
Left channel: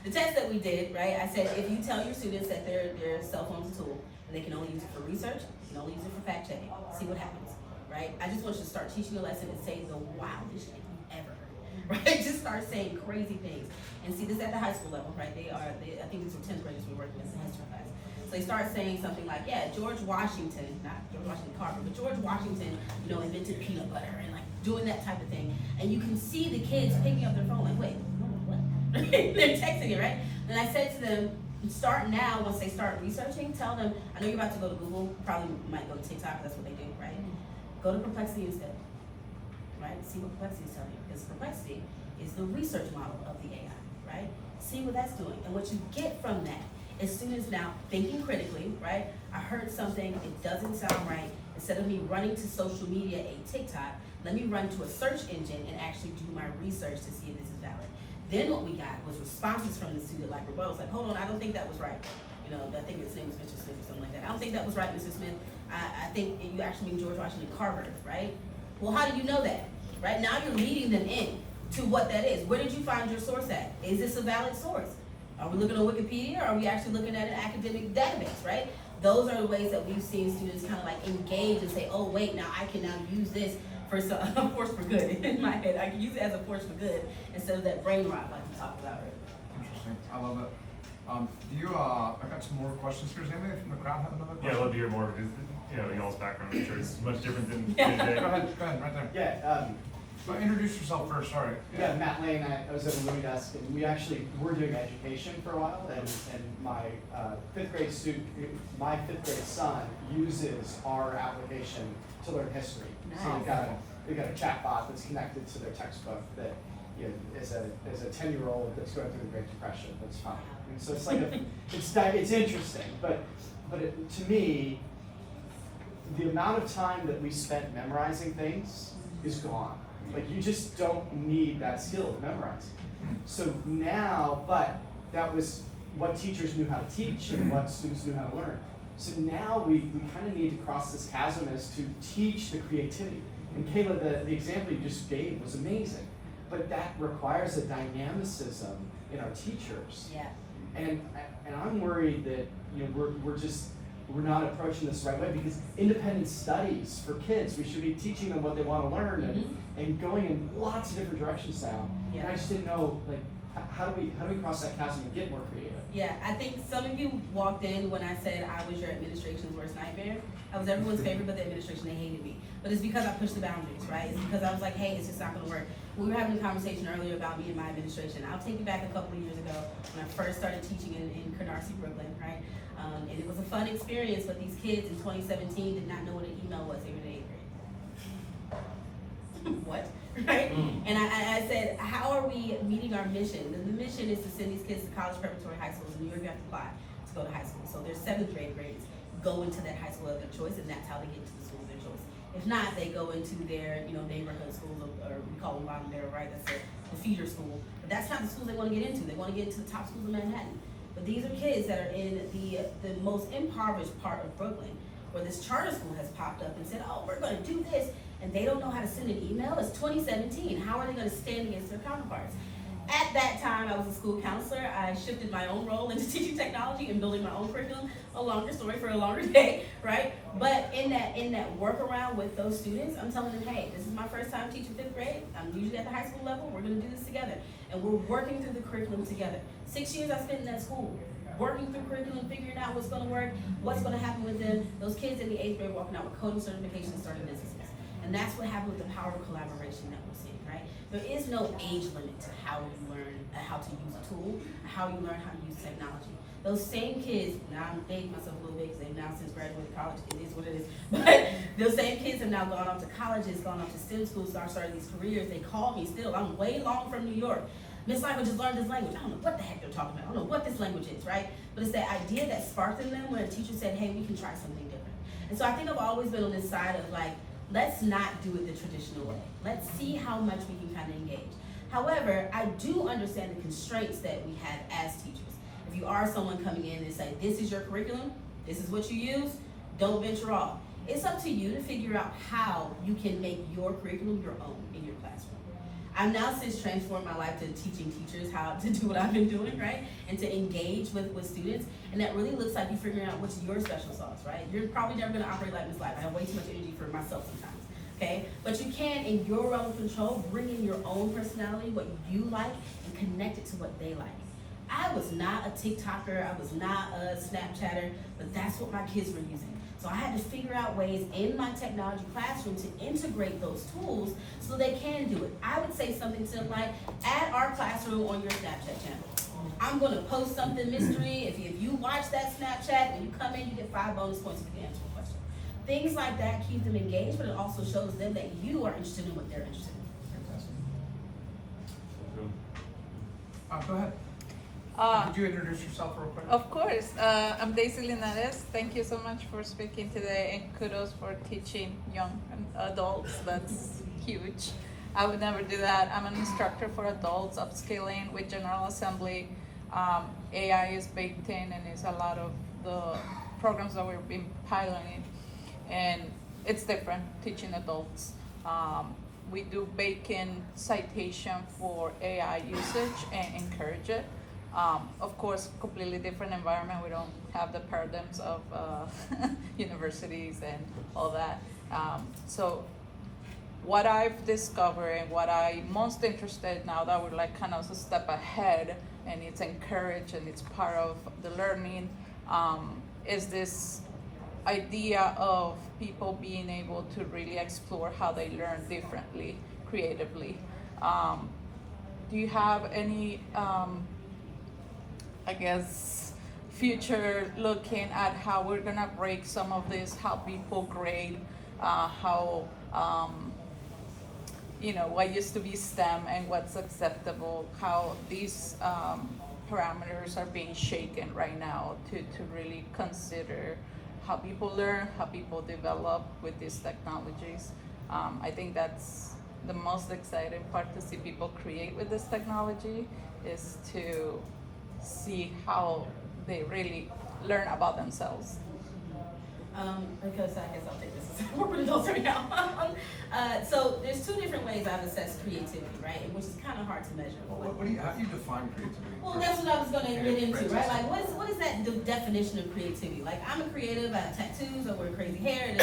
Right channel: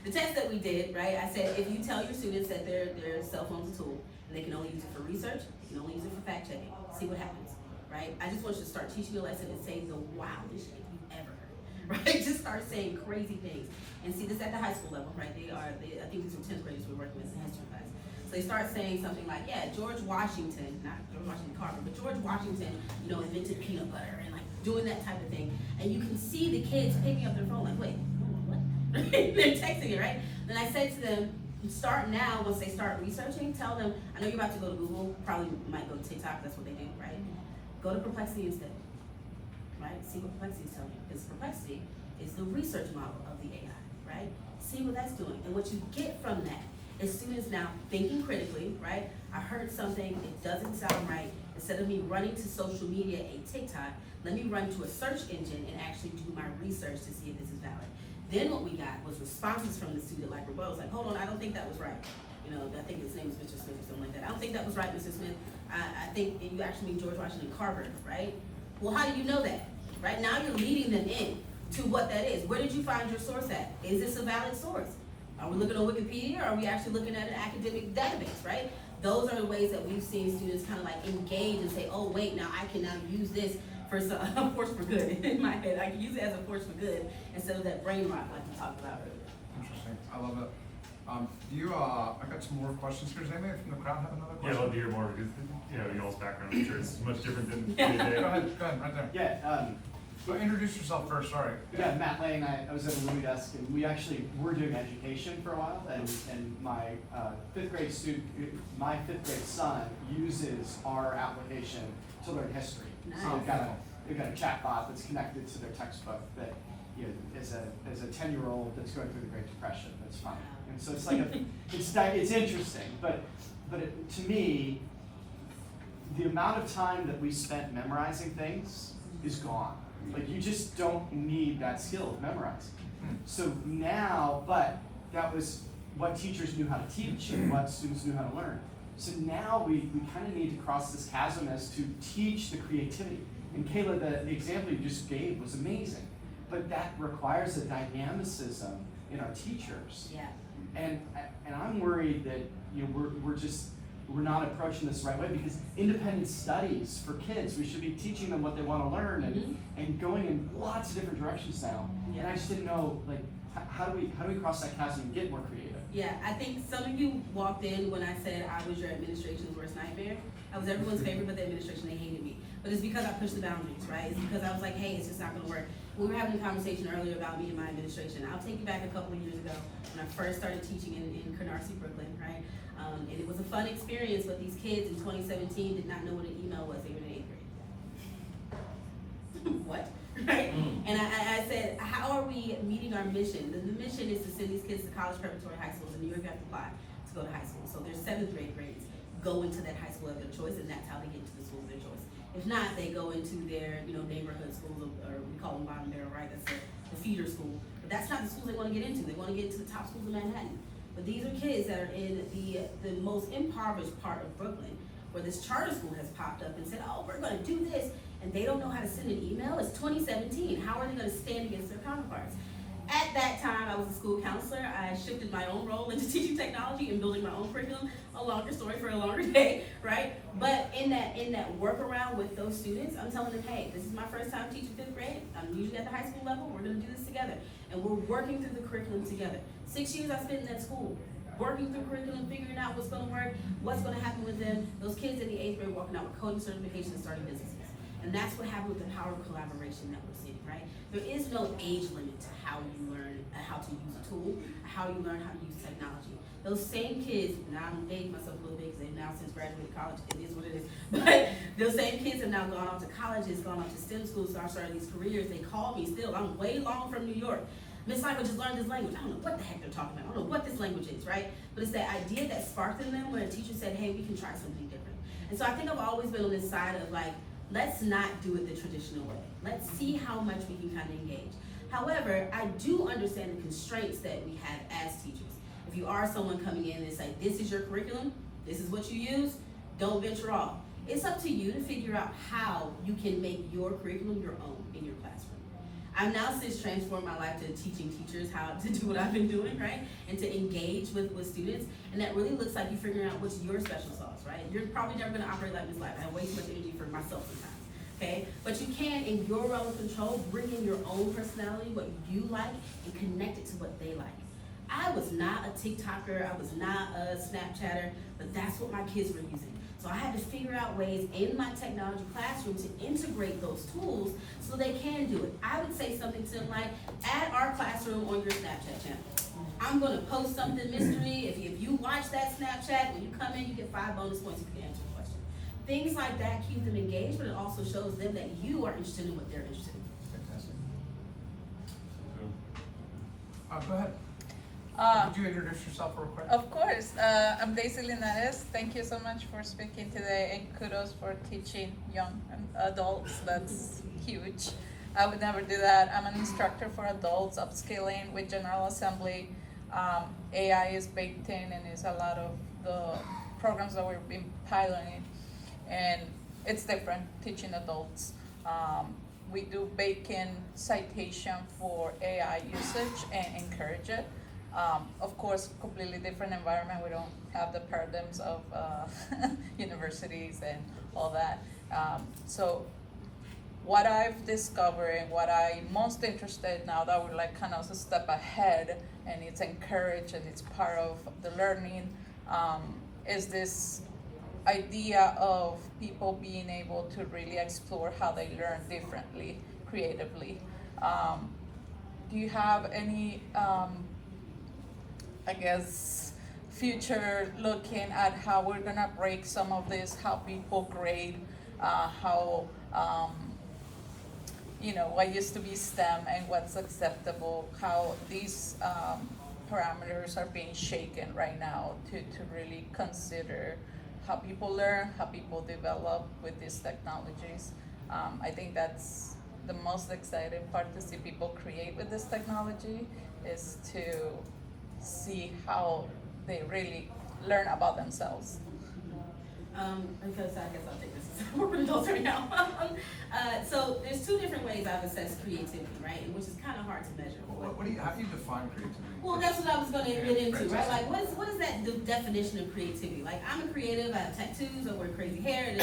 the test that we did, right, I said if you tell your students that their cell phone's a tool and they can only use it for research, you can only use it for fact checking, see what happens, right? I just want you to start teaching a lesson and say the wildest shit you've ever heard, right? Just start saying crazy things. And see this at the high school level, right? I think these were 10th graders we're working with in history class. So they start saying something like, yeah, George Washington, not George Washington Carver, but George Washington, invented peanut butter and like doing that type of thing. And you can see the kids picking up their phone like, wait, what? They're texting it, right? Then I said to them, start now, once they start researching, tell them, I know you're about to go to Google, probably might go to TikTok, that's what they do, right? Go to Perplexity instead, right? See what Perplexity is telling you, because Perplexity is the research model of the AI, right? See what that's doing, and what you get from that is students now thinking critically, right? I heard something, it doesn't sound right. Instead of me running to social media, a TikTok, let me run to a search engine and actually do my research to see if this is valid. Then what we got was responses from the student, like rebuttals, like, hold on, I don't think that was right. You know, I think his name is Mr. Smith or something like that. I don't think that was right, Mr. Smith. I think you actually mean George Washington Carver, right? Well, how do you know that? Right now you're leading them in to what that is. Where did you find your source at? Is this a valid source? Are we looking on Wikipedia, or are we actually looking at an academic database, right? Those are the ways that we've seen students kind of like engage and say, oh wait, now I can now use this for some, a force for good in my head. I can use it as a force for good instead of that brain rot like we talked about earlier. Interesting, I love it. I got some more questions here. Does anybody from the crowd have another question? Yeah, I'd love to hear more, because, you know, y'all's background, I'm sure it's much different than Yeah. day-to-day. Go ahead, right there. Yeah, So introduce yourself first, sorry. yeah, Matt Lane, I was at the Louis desk, and we actually were doing education for a while, and my fifth grade son uses our application to learn history. So we've got a chat bot that's connected to their textbook that, you know, is a 10-year-old that's going through the Great Depression. That's fun. And so it's like it's interesting, but to me, the amount of time that we spent memorizing things is gone. Like, you just don't need that skill to memorize. So now, but that was what teachers knew how to teach and what students knew how to learn. So now we kind of need to cross this chasm as to teach the creativity. And Kayla, the example you just gave was amazing, but that requires a dynamicism in our teachers. Yeah. And I'm worried that, you know, we're not approaching this the right way, because independent studies for kids, we should be teaching them what they want to learn and going in lots of different directions now. Yeah. And I just didn't know, like, how do we cross that chasm and get more creative? Yeah, I think some of you walked in when I said I was your administration's worst nightmare. I was everyone's favorite, but the administration, they hated me. But it's because I pushed the boundaries, right? It's because I was like, hey, it's just not gonna work. We were having a conversation earlier about me and my administration. I'll take you back a couple of years ago when I first started teaching in Canarsie, Brooklyn, right? And it was a fun experience, but these kids in 2017 did not know what an email was. They were in 8th grade. What? Right? And I said, how are we meeting our mission? The mission is to send these kids to college preparatory high schools. In New York, you have to apply to go to high school. So their 7th grade grades go into that high school of their choice, and that's how they get to the school of their choice. If not, they go into their, you know, neighborhood schools, or we call them bottom barrel, right? That's the feeder school. But that's not the schools they want to get into. They want to get into the top schools of Manhattan. But these are kids that are in the most impoverished part of Brooklyn, where this charter school has popped up and said, oh, we're going to do this, and they don't know how to send an email. It's 2017. How are they going to stand against their counterparts? At that time, I was a school counselor. I shifted my own role into teaching technology and building my own curriculum. A longer story for a longer day, right? But in that workaround with those students, I'm telling them, hey, this is my first time teaching 5th grade. I'm usually at the high school level. We're going to do this together, and we're working through the curriculum together. 6 years I spent in that school, working through curriculum, figuring out what's going to work, what's going to happen with them. Those kids in the 8th grade walking out with coding certifications, starting businesses. And that's what happened with the power of collaboration that we're seeing, right? There is no age limit to how you learn how to use a tool, how you learn how to use technology. Those same kids, now I'm dating myself a little bit because they've now since graduated college, it is what it is. But those same kids have now gone off to colleges, gone off to STEM schools, started these careers. They call me still. I'm way long from New York. Miss Life, I just learned this language. I don't know what the heck they're talking about. I don't know what this language is, right? But it's that idea that sparked in them when a teacher said, hey, we can try something different. And so I think I've always been on this side of like, let's not do it the traditional way. Let's see how much we can kind of engage. However, I do understand the constraints that we have as teachers. If you are someone coming in and say, this is your curriculum, this is what you use, don't venture off. It's up to you to figure out how you can make your curriculum your own in your classroom. I've now since transformed my life to teaching teachers how to do what I've been doing, right? And to engage with students. And that really looks like you figuring out what's your special sauce, right? You're probably never gonna operate like Miss Life. I have way too much energy for myself sometimes, okay? But you can, in your realm of control, bring in your own personality, what you like, and connect it to what they like. I was not a TikToker, I was not a Snapchatter, but that's what my kids were using. So I had to figure out ways in my technology classroom to integrate those tools so they can do it. I would say something to them like, add our classroom on your Snapchat channel. I'm gonna post something mystery. If you watch that Snapchat, when you come in, you get 5 bonus points if you answer the question. Things like that keep them engaged, but it also shows them that you are interested in what they're interested in. Fantastic. Go ahead. Could you introduce yourself real quick? Of course. I'm Daisy Linares. Thank you so much for speaking today, and kudos for teaching young adults. That's huge. I would never do that. I'm an instructor for adults, upskilling with General Assembly. AI is baked in and is a lot of the programs that we've been piloting, and it's different teaching adults. We do bake in citation for AI usage and encourage it. Of course, completely different environment. We don't have the paradigms of universities and all that. So what I've discovered and what I'm most interested now that we're like kind of a step ahead and it's encouraged and it's part of the learning, is this idea of people being able to really explore how they learn differently, creatively. Do you have any, I guess, future looking at how we're gonna break some of this, how people grade, how, what used to be STEM and what's acceptable, how these parameters are being shaken right now to really consider how people learn, how people develop with these technologies. I think that's the most exciting part, to see people create with this technology, is to see how they really learn about themselves. Because I guess I'll take this as more adults right now. So there's 2 different ways I've assessed creativity, right? Which is kind of hard to measure. How do you define creativity? Well, that's what I was going to get into, right? Like, what is that definition of creativity? Like, I'm a creative, I have tattoos, I wear crazy hair, and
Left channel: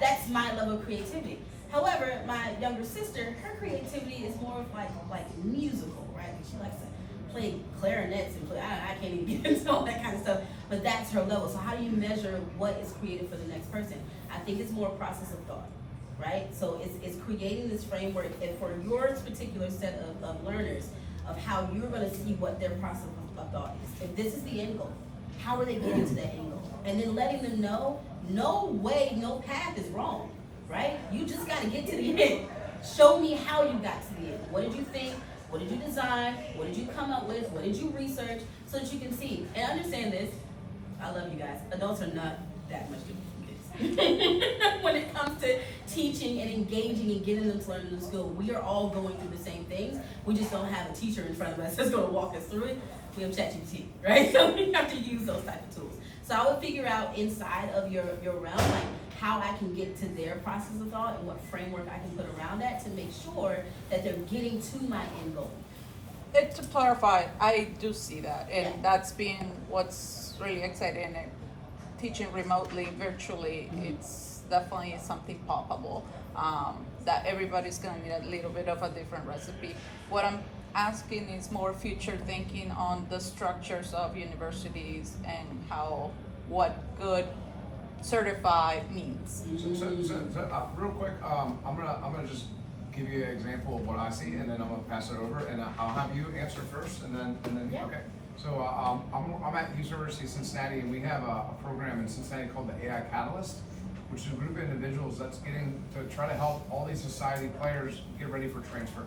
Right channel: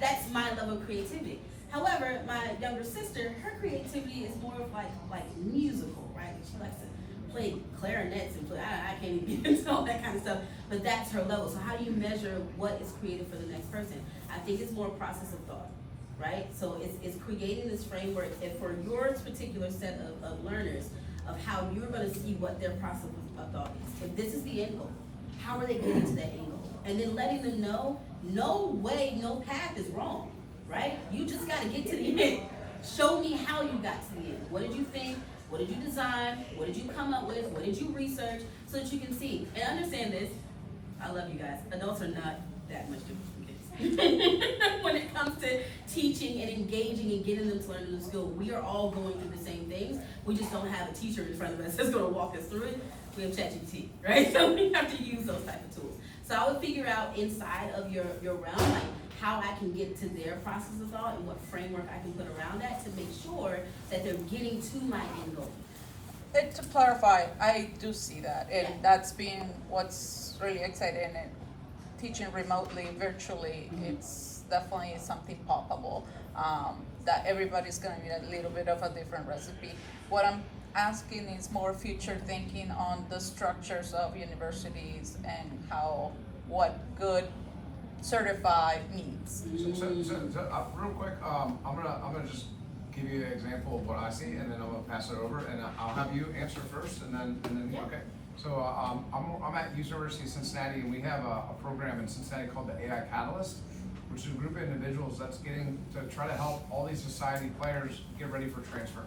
that's my level of creativity. However, my younger sister, her creativity is more of like musical, right? She likes to play clarinets and I can't even get into all that kind of stuff, but that's her level. So how do you measure what is creative for the next person? I think it's more a process of thought, right? So it's creating this framework and for your particular set of learners of how you're gonna see what their process of thought is. If this is the end goal, how are they getting to that end goal? And then letting them know, no way, no path is wrong, right? You just gotta get to the end. Show me how you got to the end. What did you think? What did you design? What did you come up with? What did you research? So that you can see. And understand this, I love you guys. Adults are not that much different from kids. When it comes to teaching and engaging and getting them to learn a new skill, we are all going through the same things. We just don't have a teacher in front of us that's gonna walk us through it. We have ChatGPT, right? So we have to use those type of tools. So I would figure out inside of your realm, like how I can get to their process of thought and what framework I can put around that to make sure that they're getting to my end goal. To clarify, I do see that, and Yeah. that's been what's really exciting. Teaching remotely, virtually, it's definitely something palpable, that everybody's gonna need a little bit of a different recipe. What I'm asking is more future thinking on the structures of universities and what good certified means. So, real quick, I'm gonna just give you an example of what I see, and then I'm gonna pass it over, and I'll have you answer first, and then Yeah. okay. So I'm at University of Cincinnati, and we have a program in Cincinnati called the AI Catalyst, which is a group of individuals that's getting to try to help all these society players get ready for transfer.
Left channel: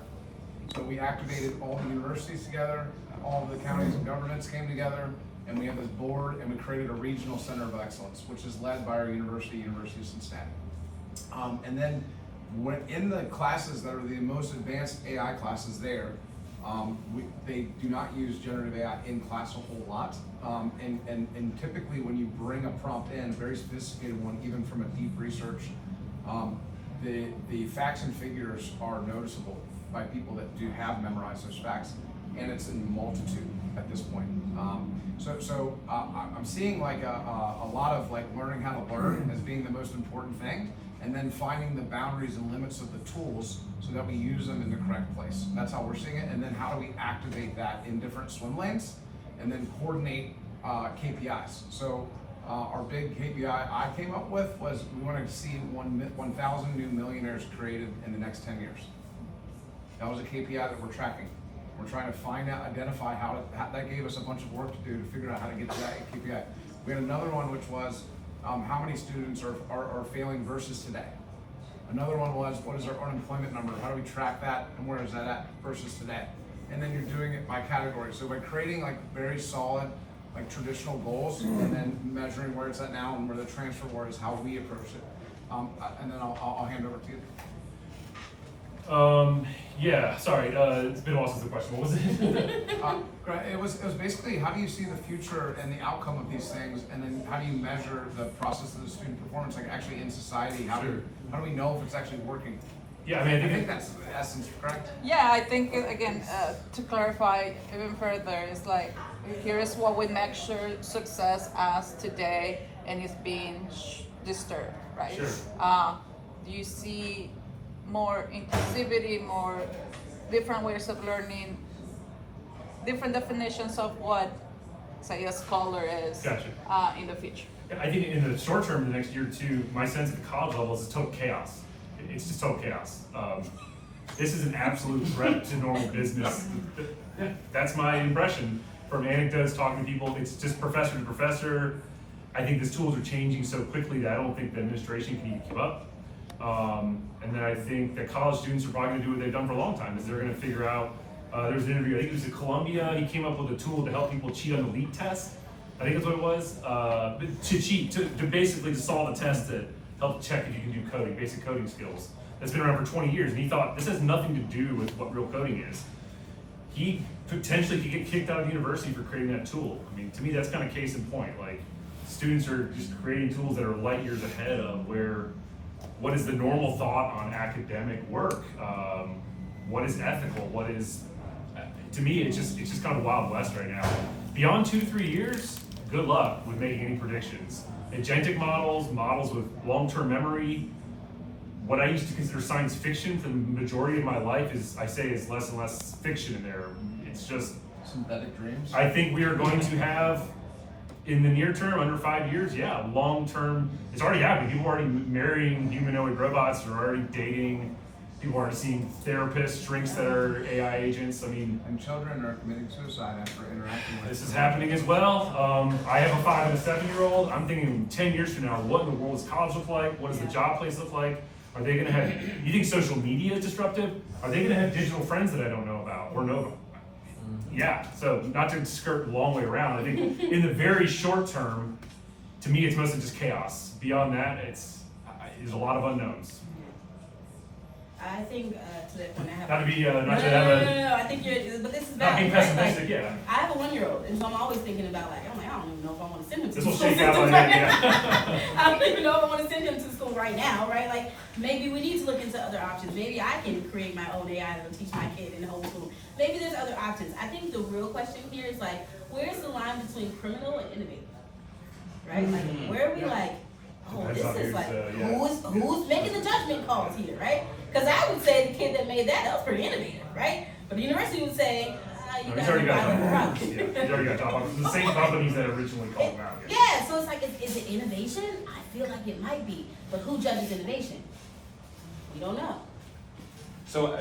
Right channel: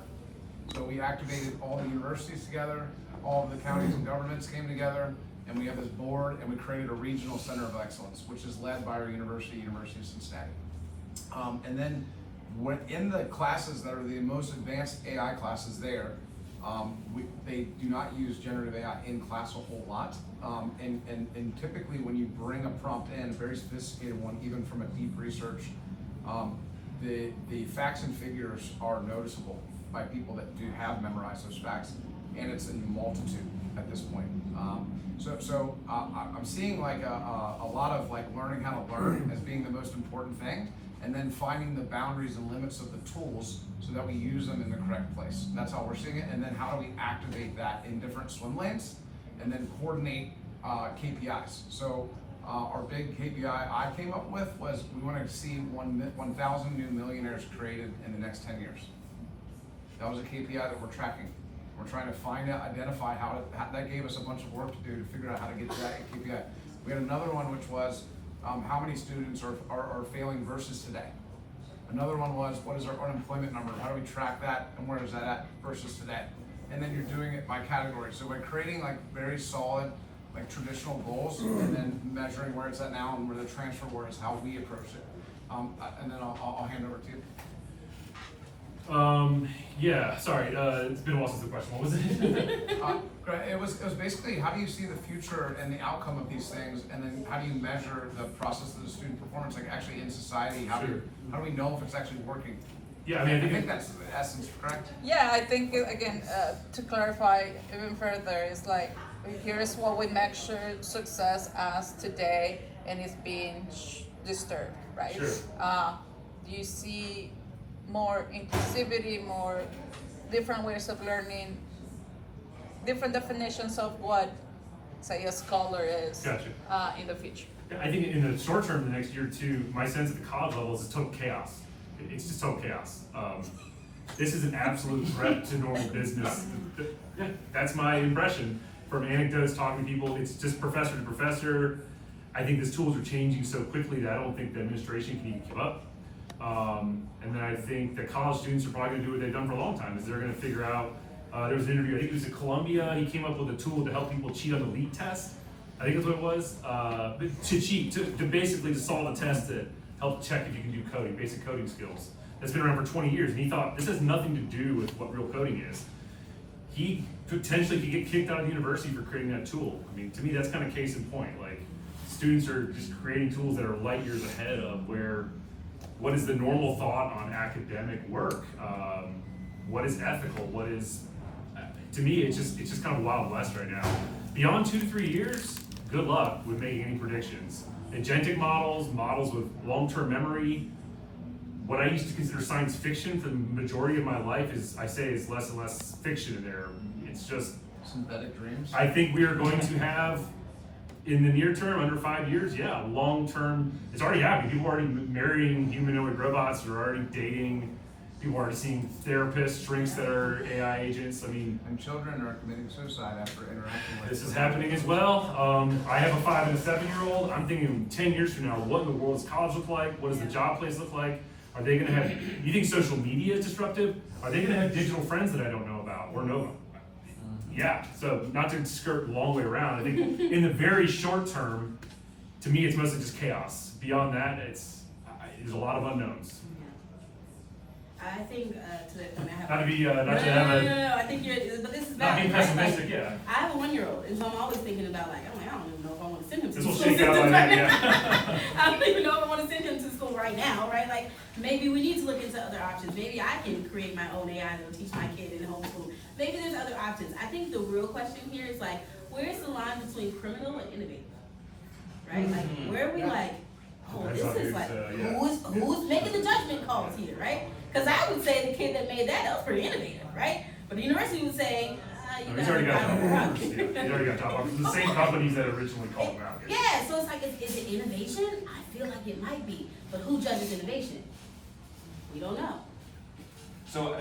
So we activated all the universities together, all of the counties and governments came together, and we have this board, and we created a regional center of excellence, which is led by our University of Cincinnati. And then in the classes that are the most advanced AI classes there, they do not use generative AI in class a whole lot. And typically when you bring a prompt in, a very sophisticated one, even from a deep research, the facts and figures are noticeable by people that do have memorized those facts, and it's in multitude at this point. I'm seeing like a lot of like learning how to learn as being the most important thing, and then finding the boundaries and limits of the tools so that we use them in the correct place. That's how we're seeing it, and then how do we activate that in different swim lanes, and then coordinate KPIs. So our big KPI I came up with was we wanted to see 1,000 new millionaires created in the next 10 years. That was a KPI that we're tracking. We're trying to find out, identify how that gave us a bunch of work to do to figure out how to get to that KPI. We had another one which was how many students are failing versus today. Another one was what is our unemployment number? How do we track that and where is that at versus today? And then you're doing it by category. So by creating like very solid, like traditional goals and then measuring where it's at now and where the transfer word is, how we approach it. And then I'll hand over to you. Yeah, sorry, it's been a while since the question, what was it? It was basically how do you see the future and the outcome of these things, and then how do you measure the process of the student performance, like actually in society? How do we know if it's actually working? Yeah, I mean, I think that's the essence, correct? Yeah, I think again, to clarify even further, it's like here's what we measure success as today, and it's being disturbed, right? Sure. You see more inclusivity, more different ways of learning, different definitions of what, say, a scholar is. Gotcha. In the future. I think in the short term, the next year or two, my sense at the college level is total chaos. It's just total chaos. This is an absolute threat to normal business. Yeah, that's my impression from anecdotes, talking to people. It's just professor to professor. I think these tools are changing so quickly that I don't think the administration can even keep up. And then I think that college students are probably going to do what they've done for a long time, is they're going to figure out, there was an interview, I think it was at Columbia, he came up with a tool to help people cheat on the LEAP test. I think that's what it was, to cheat, to basically to solve a test that help check if you can do coding, basic coding skills. That's been around for 20 years, and he thought, this has nothing to do with what real coding is. He potentially could get kicked out of the university for creating that tool. I mean, to me, that's kind of case in point. Like, students are just creating tools that are light years ahead of where, what is the normal thought on academic work? What is ethical? What is, to me, it's just kind of Wild West right now. Beyond 2 to 3 years, good luck with making any predictions. Agentic models with long-term memory, what I used to consider science fiction for the majority of my life is less and less fiction in there. It's just synthetic dreams. I think we are going to have, in the near term, under 5 years, yeah, long term, it's already happening. People are already marrying humanoid robots, they're already dating, people are already seeing therapists, shrinks that are AI agents. I mean, and children are committing suicide after interacting with this is happening as well. I have a 5 and a 7-year-old. I'm thinking 10 years from now, what in the world does college look like? What does the job place look like? Are they gonna have, you think social media is disruptive? Are they gonna have digital friends that I don't know about or know about? Yeah, so not to skirt a long way around, I think in the very short term, to me, it's mostly just chaos. Beyond that, there's a lot of unknowns. I think to that point, I have. Not to be, not to have a. No, I think you're, but this is Not valid, being right? pessimistic, Like, yeah. I have a 1-year-old, and so I'm always thinking about like, I'm like, I don't even know if I want to send him to This the will school shake out system on right that, now. yeah. I don't even know if I want to send him to school right now, right? Like, maybe we need to look into other options. Maybe I can create my own AI that'll teach my kid in homeschool. Maybe there's other options. I think the real question here is like, where's the line between criminal and innovative? Right? Like, where are we like, oh, Depends this on is who's, like, yeah. who's making the judgment calls here, right? Because I would say the kid that made that was pretty innovative, right? But the university would say, you He's guys already are got violating the top rules. offers. Yeah, he's already got top offers. The same companies that originally called him out. Yeah, so it's like, is it innovation? I feel like it might be, but who judges innovation? We don't know. So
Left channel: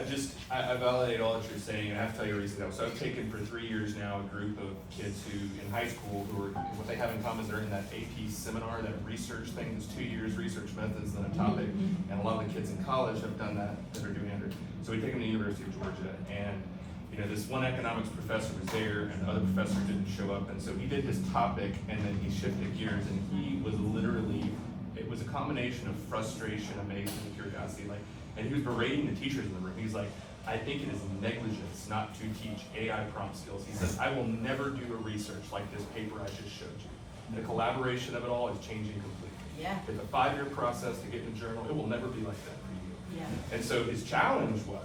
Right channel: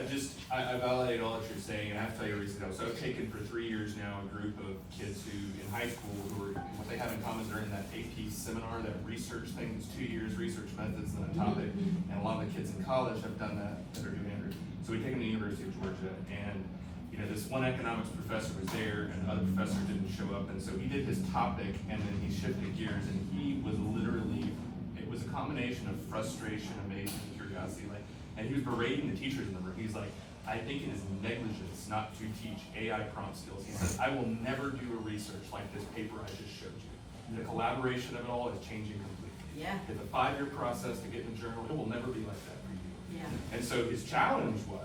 I validate all that you're saying, and I have to tell you a reason though. So I've taken for 3 years now a group of kids who, in high school, who are, what they have in common is they're in that AP seminar, that research thing, it's 2 years research methods and a topic, and a lot of the kids in college have done that are doing it. So we take them to the University of Georgia, and you know, this one economics professor was there, and the other professor didn't show up, and so he did his topic, and then he shifted gears, and he was literally, it was a combination of frustration, amazement, and curiosity, like. And he was berating the teachers in the room. He's like, I think it is negligence not to teach AI prompt skills. He says, I will never do a research like this paper I just showed you. The collaboration of it all is changing completely. Yeah. It's a 5-year process to get in the journal. It will never be like that for you. Yeah. And so his challenge was,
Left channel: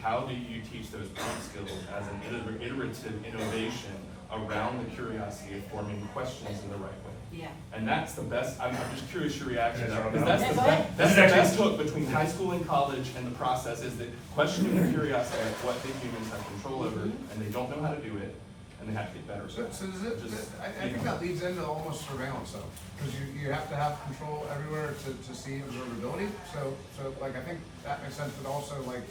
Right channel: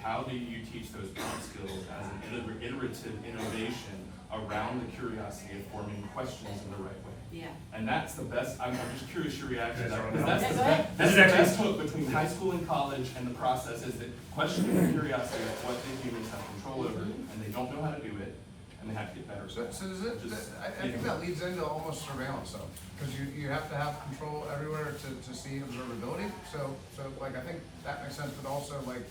how do you teach those prompt skills as an iterative innovation around the curiosity of forming questions in the right way? Yeah. And that's the best, I'm just curious your reaction to that, Yeah, because that's the go ahead. that's the best hook between high school and college, and the process is that questioning the curiosity of what the humans have control over, and they don't know how to do it, and they have to get better. So I think that leads into almost surveillance though, because you have to have control everywhere to see observability. So like I think that makes sense, but also like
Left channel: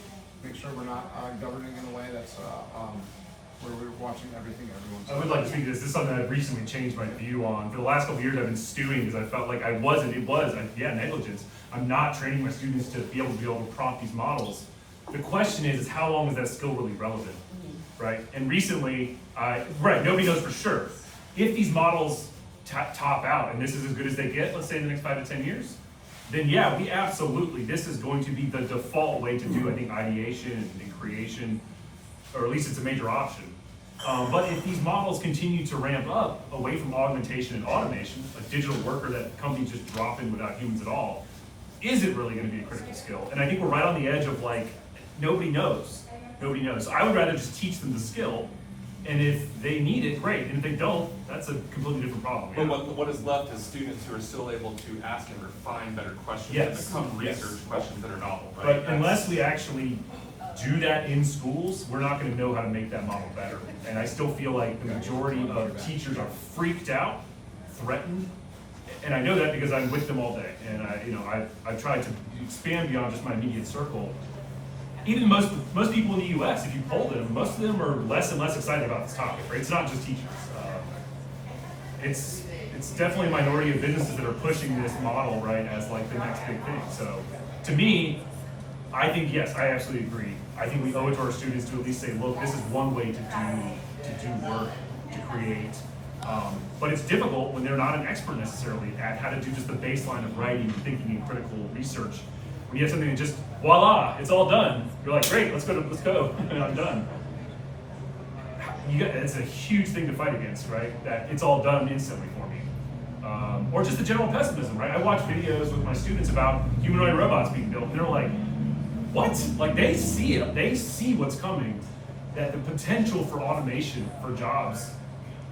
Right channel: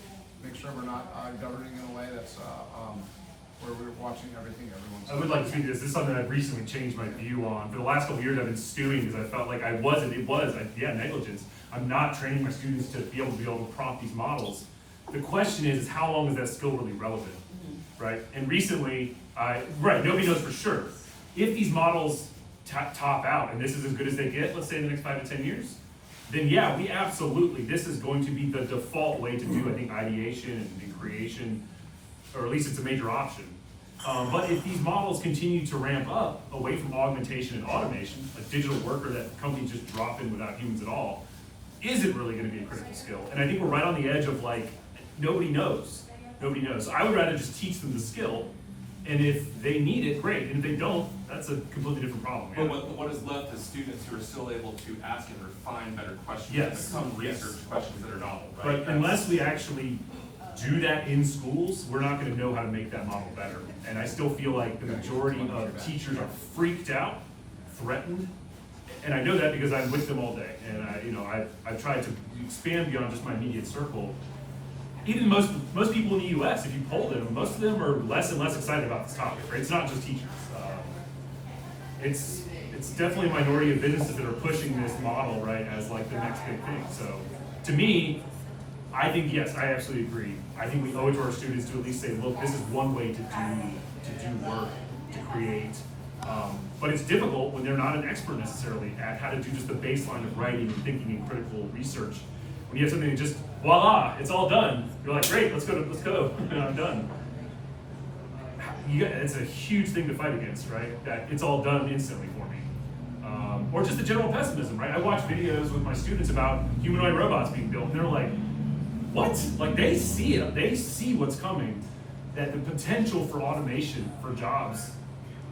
make sure we're not governing in a way that's where we're watching everything everyone's. I would like to speak to this. This is something that I've recently changed my view on. For the last couple of years, I've been stewing because I felt like negligence. I'm not training my students to be able to prompt these models. The question is how long is that skill really relevant, right? And recently, nobody knows for sure. If these models top out and this is as good as they get, let's say in the next 5 to 10 years, then yeah, this is going to be the default way to do, I think, ideation and creation, or at least it's a major option. But if these models continue to ramp up away from augmentation and automation, a digital worker that companies just drop in without humans at all, is it really going to be a critical skill? And I think we're right on the edge of like, nobody knows. Nobody knows. So I would rather just teach them the skill, and if they need it, great. And if they don't, that's a completely different problem. But what is left is students who are still able to ask and refine better questions Yes. and become research questions that are novel, right? But unless we actually do that in schools, we're not gonna know how to make that model better. And I still feel like the majority of teachers are freaked out, threatened, and I know that because I'm with them all day. And I've tried to expand beyond just my immediate circle. Even most people in the US, if you poll them, most of them are less and less excited about this topic, right? It's not just teachers. It's definitely a minority of businesses that are pushing this model, right, as like the next big thing. So to me, I think, yes, I absolutely agree. I think we owe it to our students to at least say, look, this is one way to do work, to create. But it's difficult when they're not an expert necessarily at how to do just the baseline of writing and thinking and critical research. When you have something that just, voila, it's all done. You're like, great, let's go, and I'm done. It's a huge thing to fight against, right? That it's all done instantly for me. Or just the general pessimism, right? I watch videos with my students about humanoid robots being built, and they're like, what? Like they see it, they see what's coming, that the potential for automation for jobs,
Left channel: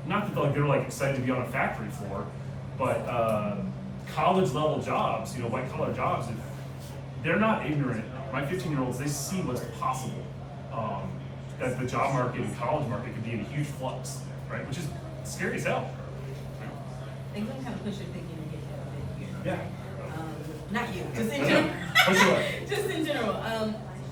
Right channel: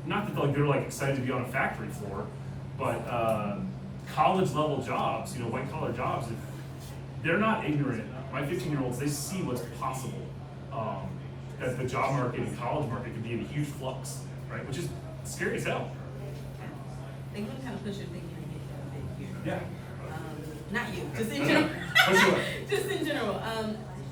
not that they're like excited to be on a factory floor, but college level jobs, white collar jobs, they're not ignorant. My 15-year-olds, they see what's possible. That the job market and college market could be in a huge flux, right? Which is scary as hell. I think we kind of push your thinking a bit here. Yeah. Not you, just in general. Push away. Just in general.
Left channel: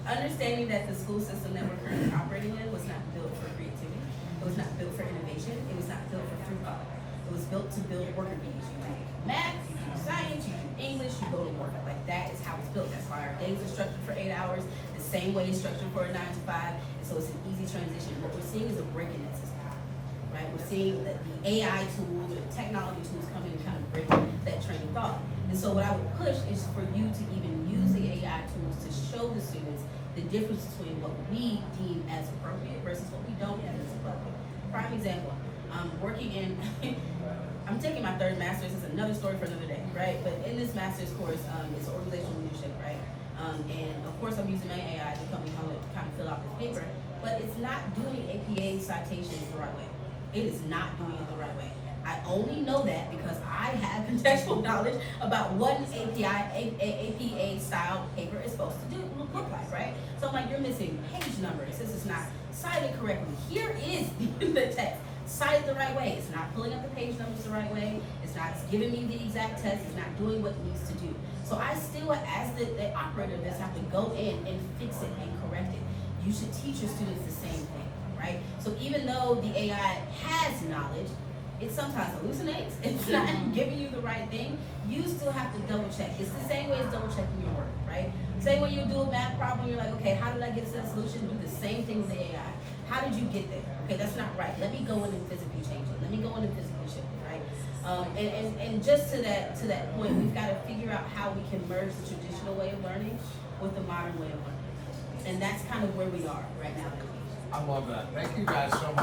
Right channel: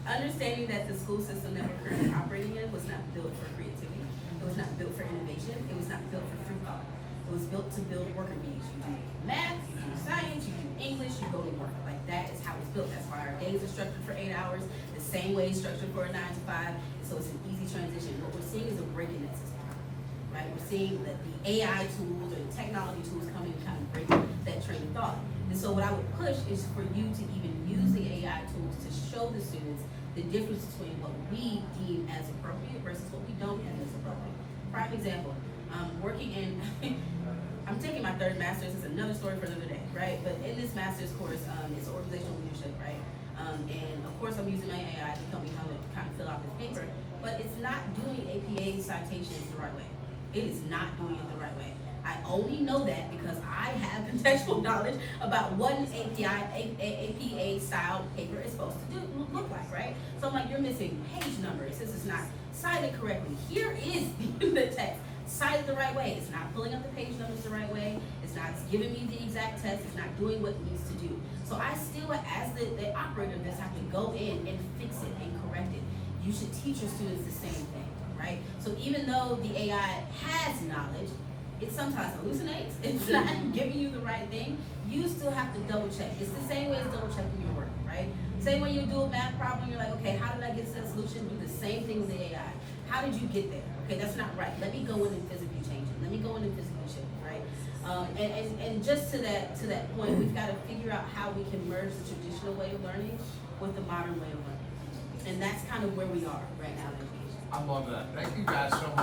Understanding that the school system that we're currently operating in was not built for creativity. It was not built for innovation. It was not built for free thought. It was built to build worker bees. You do math, you do science, you do English, you go to work. Like that is how it's built. That's why our days are structured for 8 hours, the same way it's structured for a 9 to 5. So it's an easy transition. What we're seeing is a break in that system, right? We're seeing that the AI tools and technology tools coming to kind of break that train of thought. And so what I would push is for you to even use the AI tools to show the students the difference between what we deem as appropriate versus what we don't deem as appropriate. Prime example, working in, I'm taking my 3rd master's, it's another story for another day, right? But in this master's course, it's organizational leadership, right? And of course I'm using my AI to help me kind of fill out this paper, but it's not doing APA citations the right way. It is not doing it the right way. I only know that because I have contextual knowledge about what an APA style paper is supposed to look like, right? So I'm like, you're missing page numbers. This is not cited correctly. Here is the text cited the right way. It's not pulling up the page numbers the right way. It's not giving me the exact text. It's not doing what it needs to do. So I still, as the operator of this, have to go in and fix it and correct it. You should teach your students the same thing, right? So even though the AI has knowledge, it sometimes hallucinates, it's not giving you the right thing, you still have to double check. It's the same way as double checking your work, right? Same way you do a math problem, you're like, okay, how did I get to the solution? Do the same thing with the AI. How did you get there? Okay, that's not right. Let me go in and physically change it. Let me go in and physically shift it, right? And just to that point, we've got to figure out how we can merge the traditional way of learning with the modern way of learning. And that's kind of where we are right now. I love that. Thank you guys so much.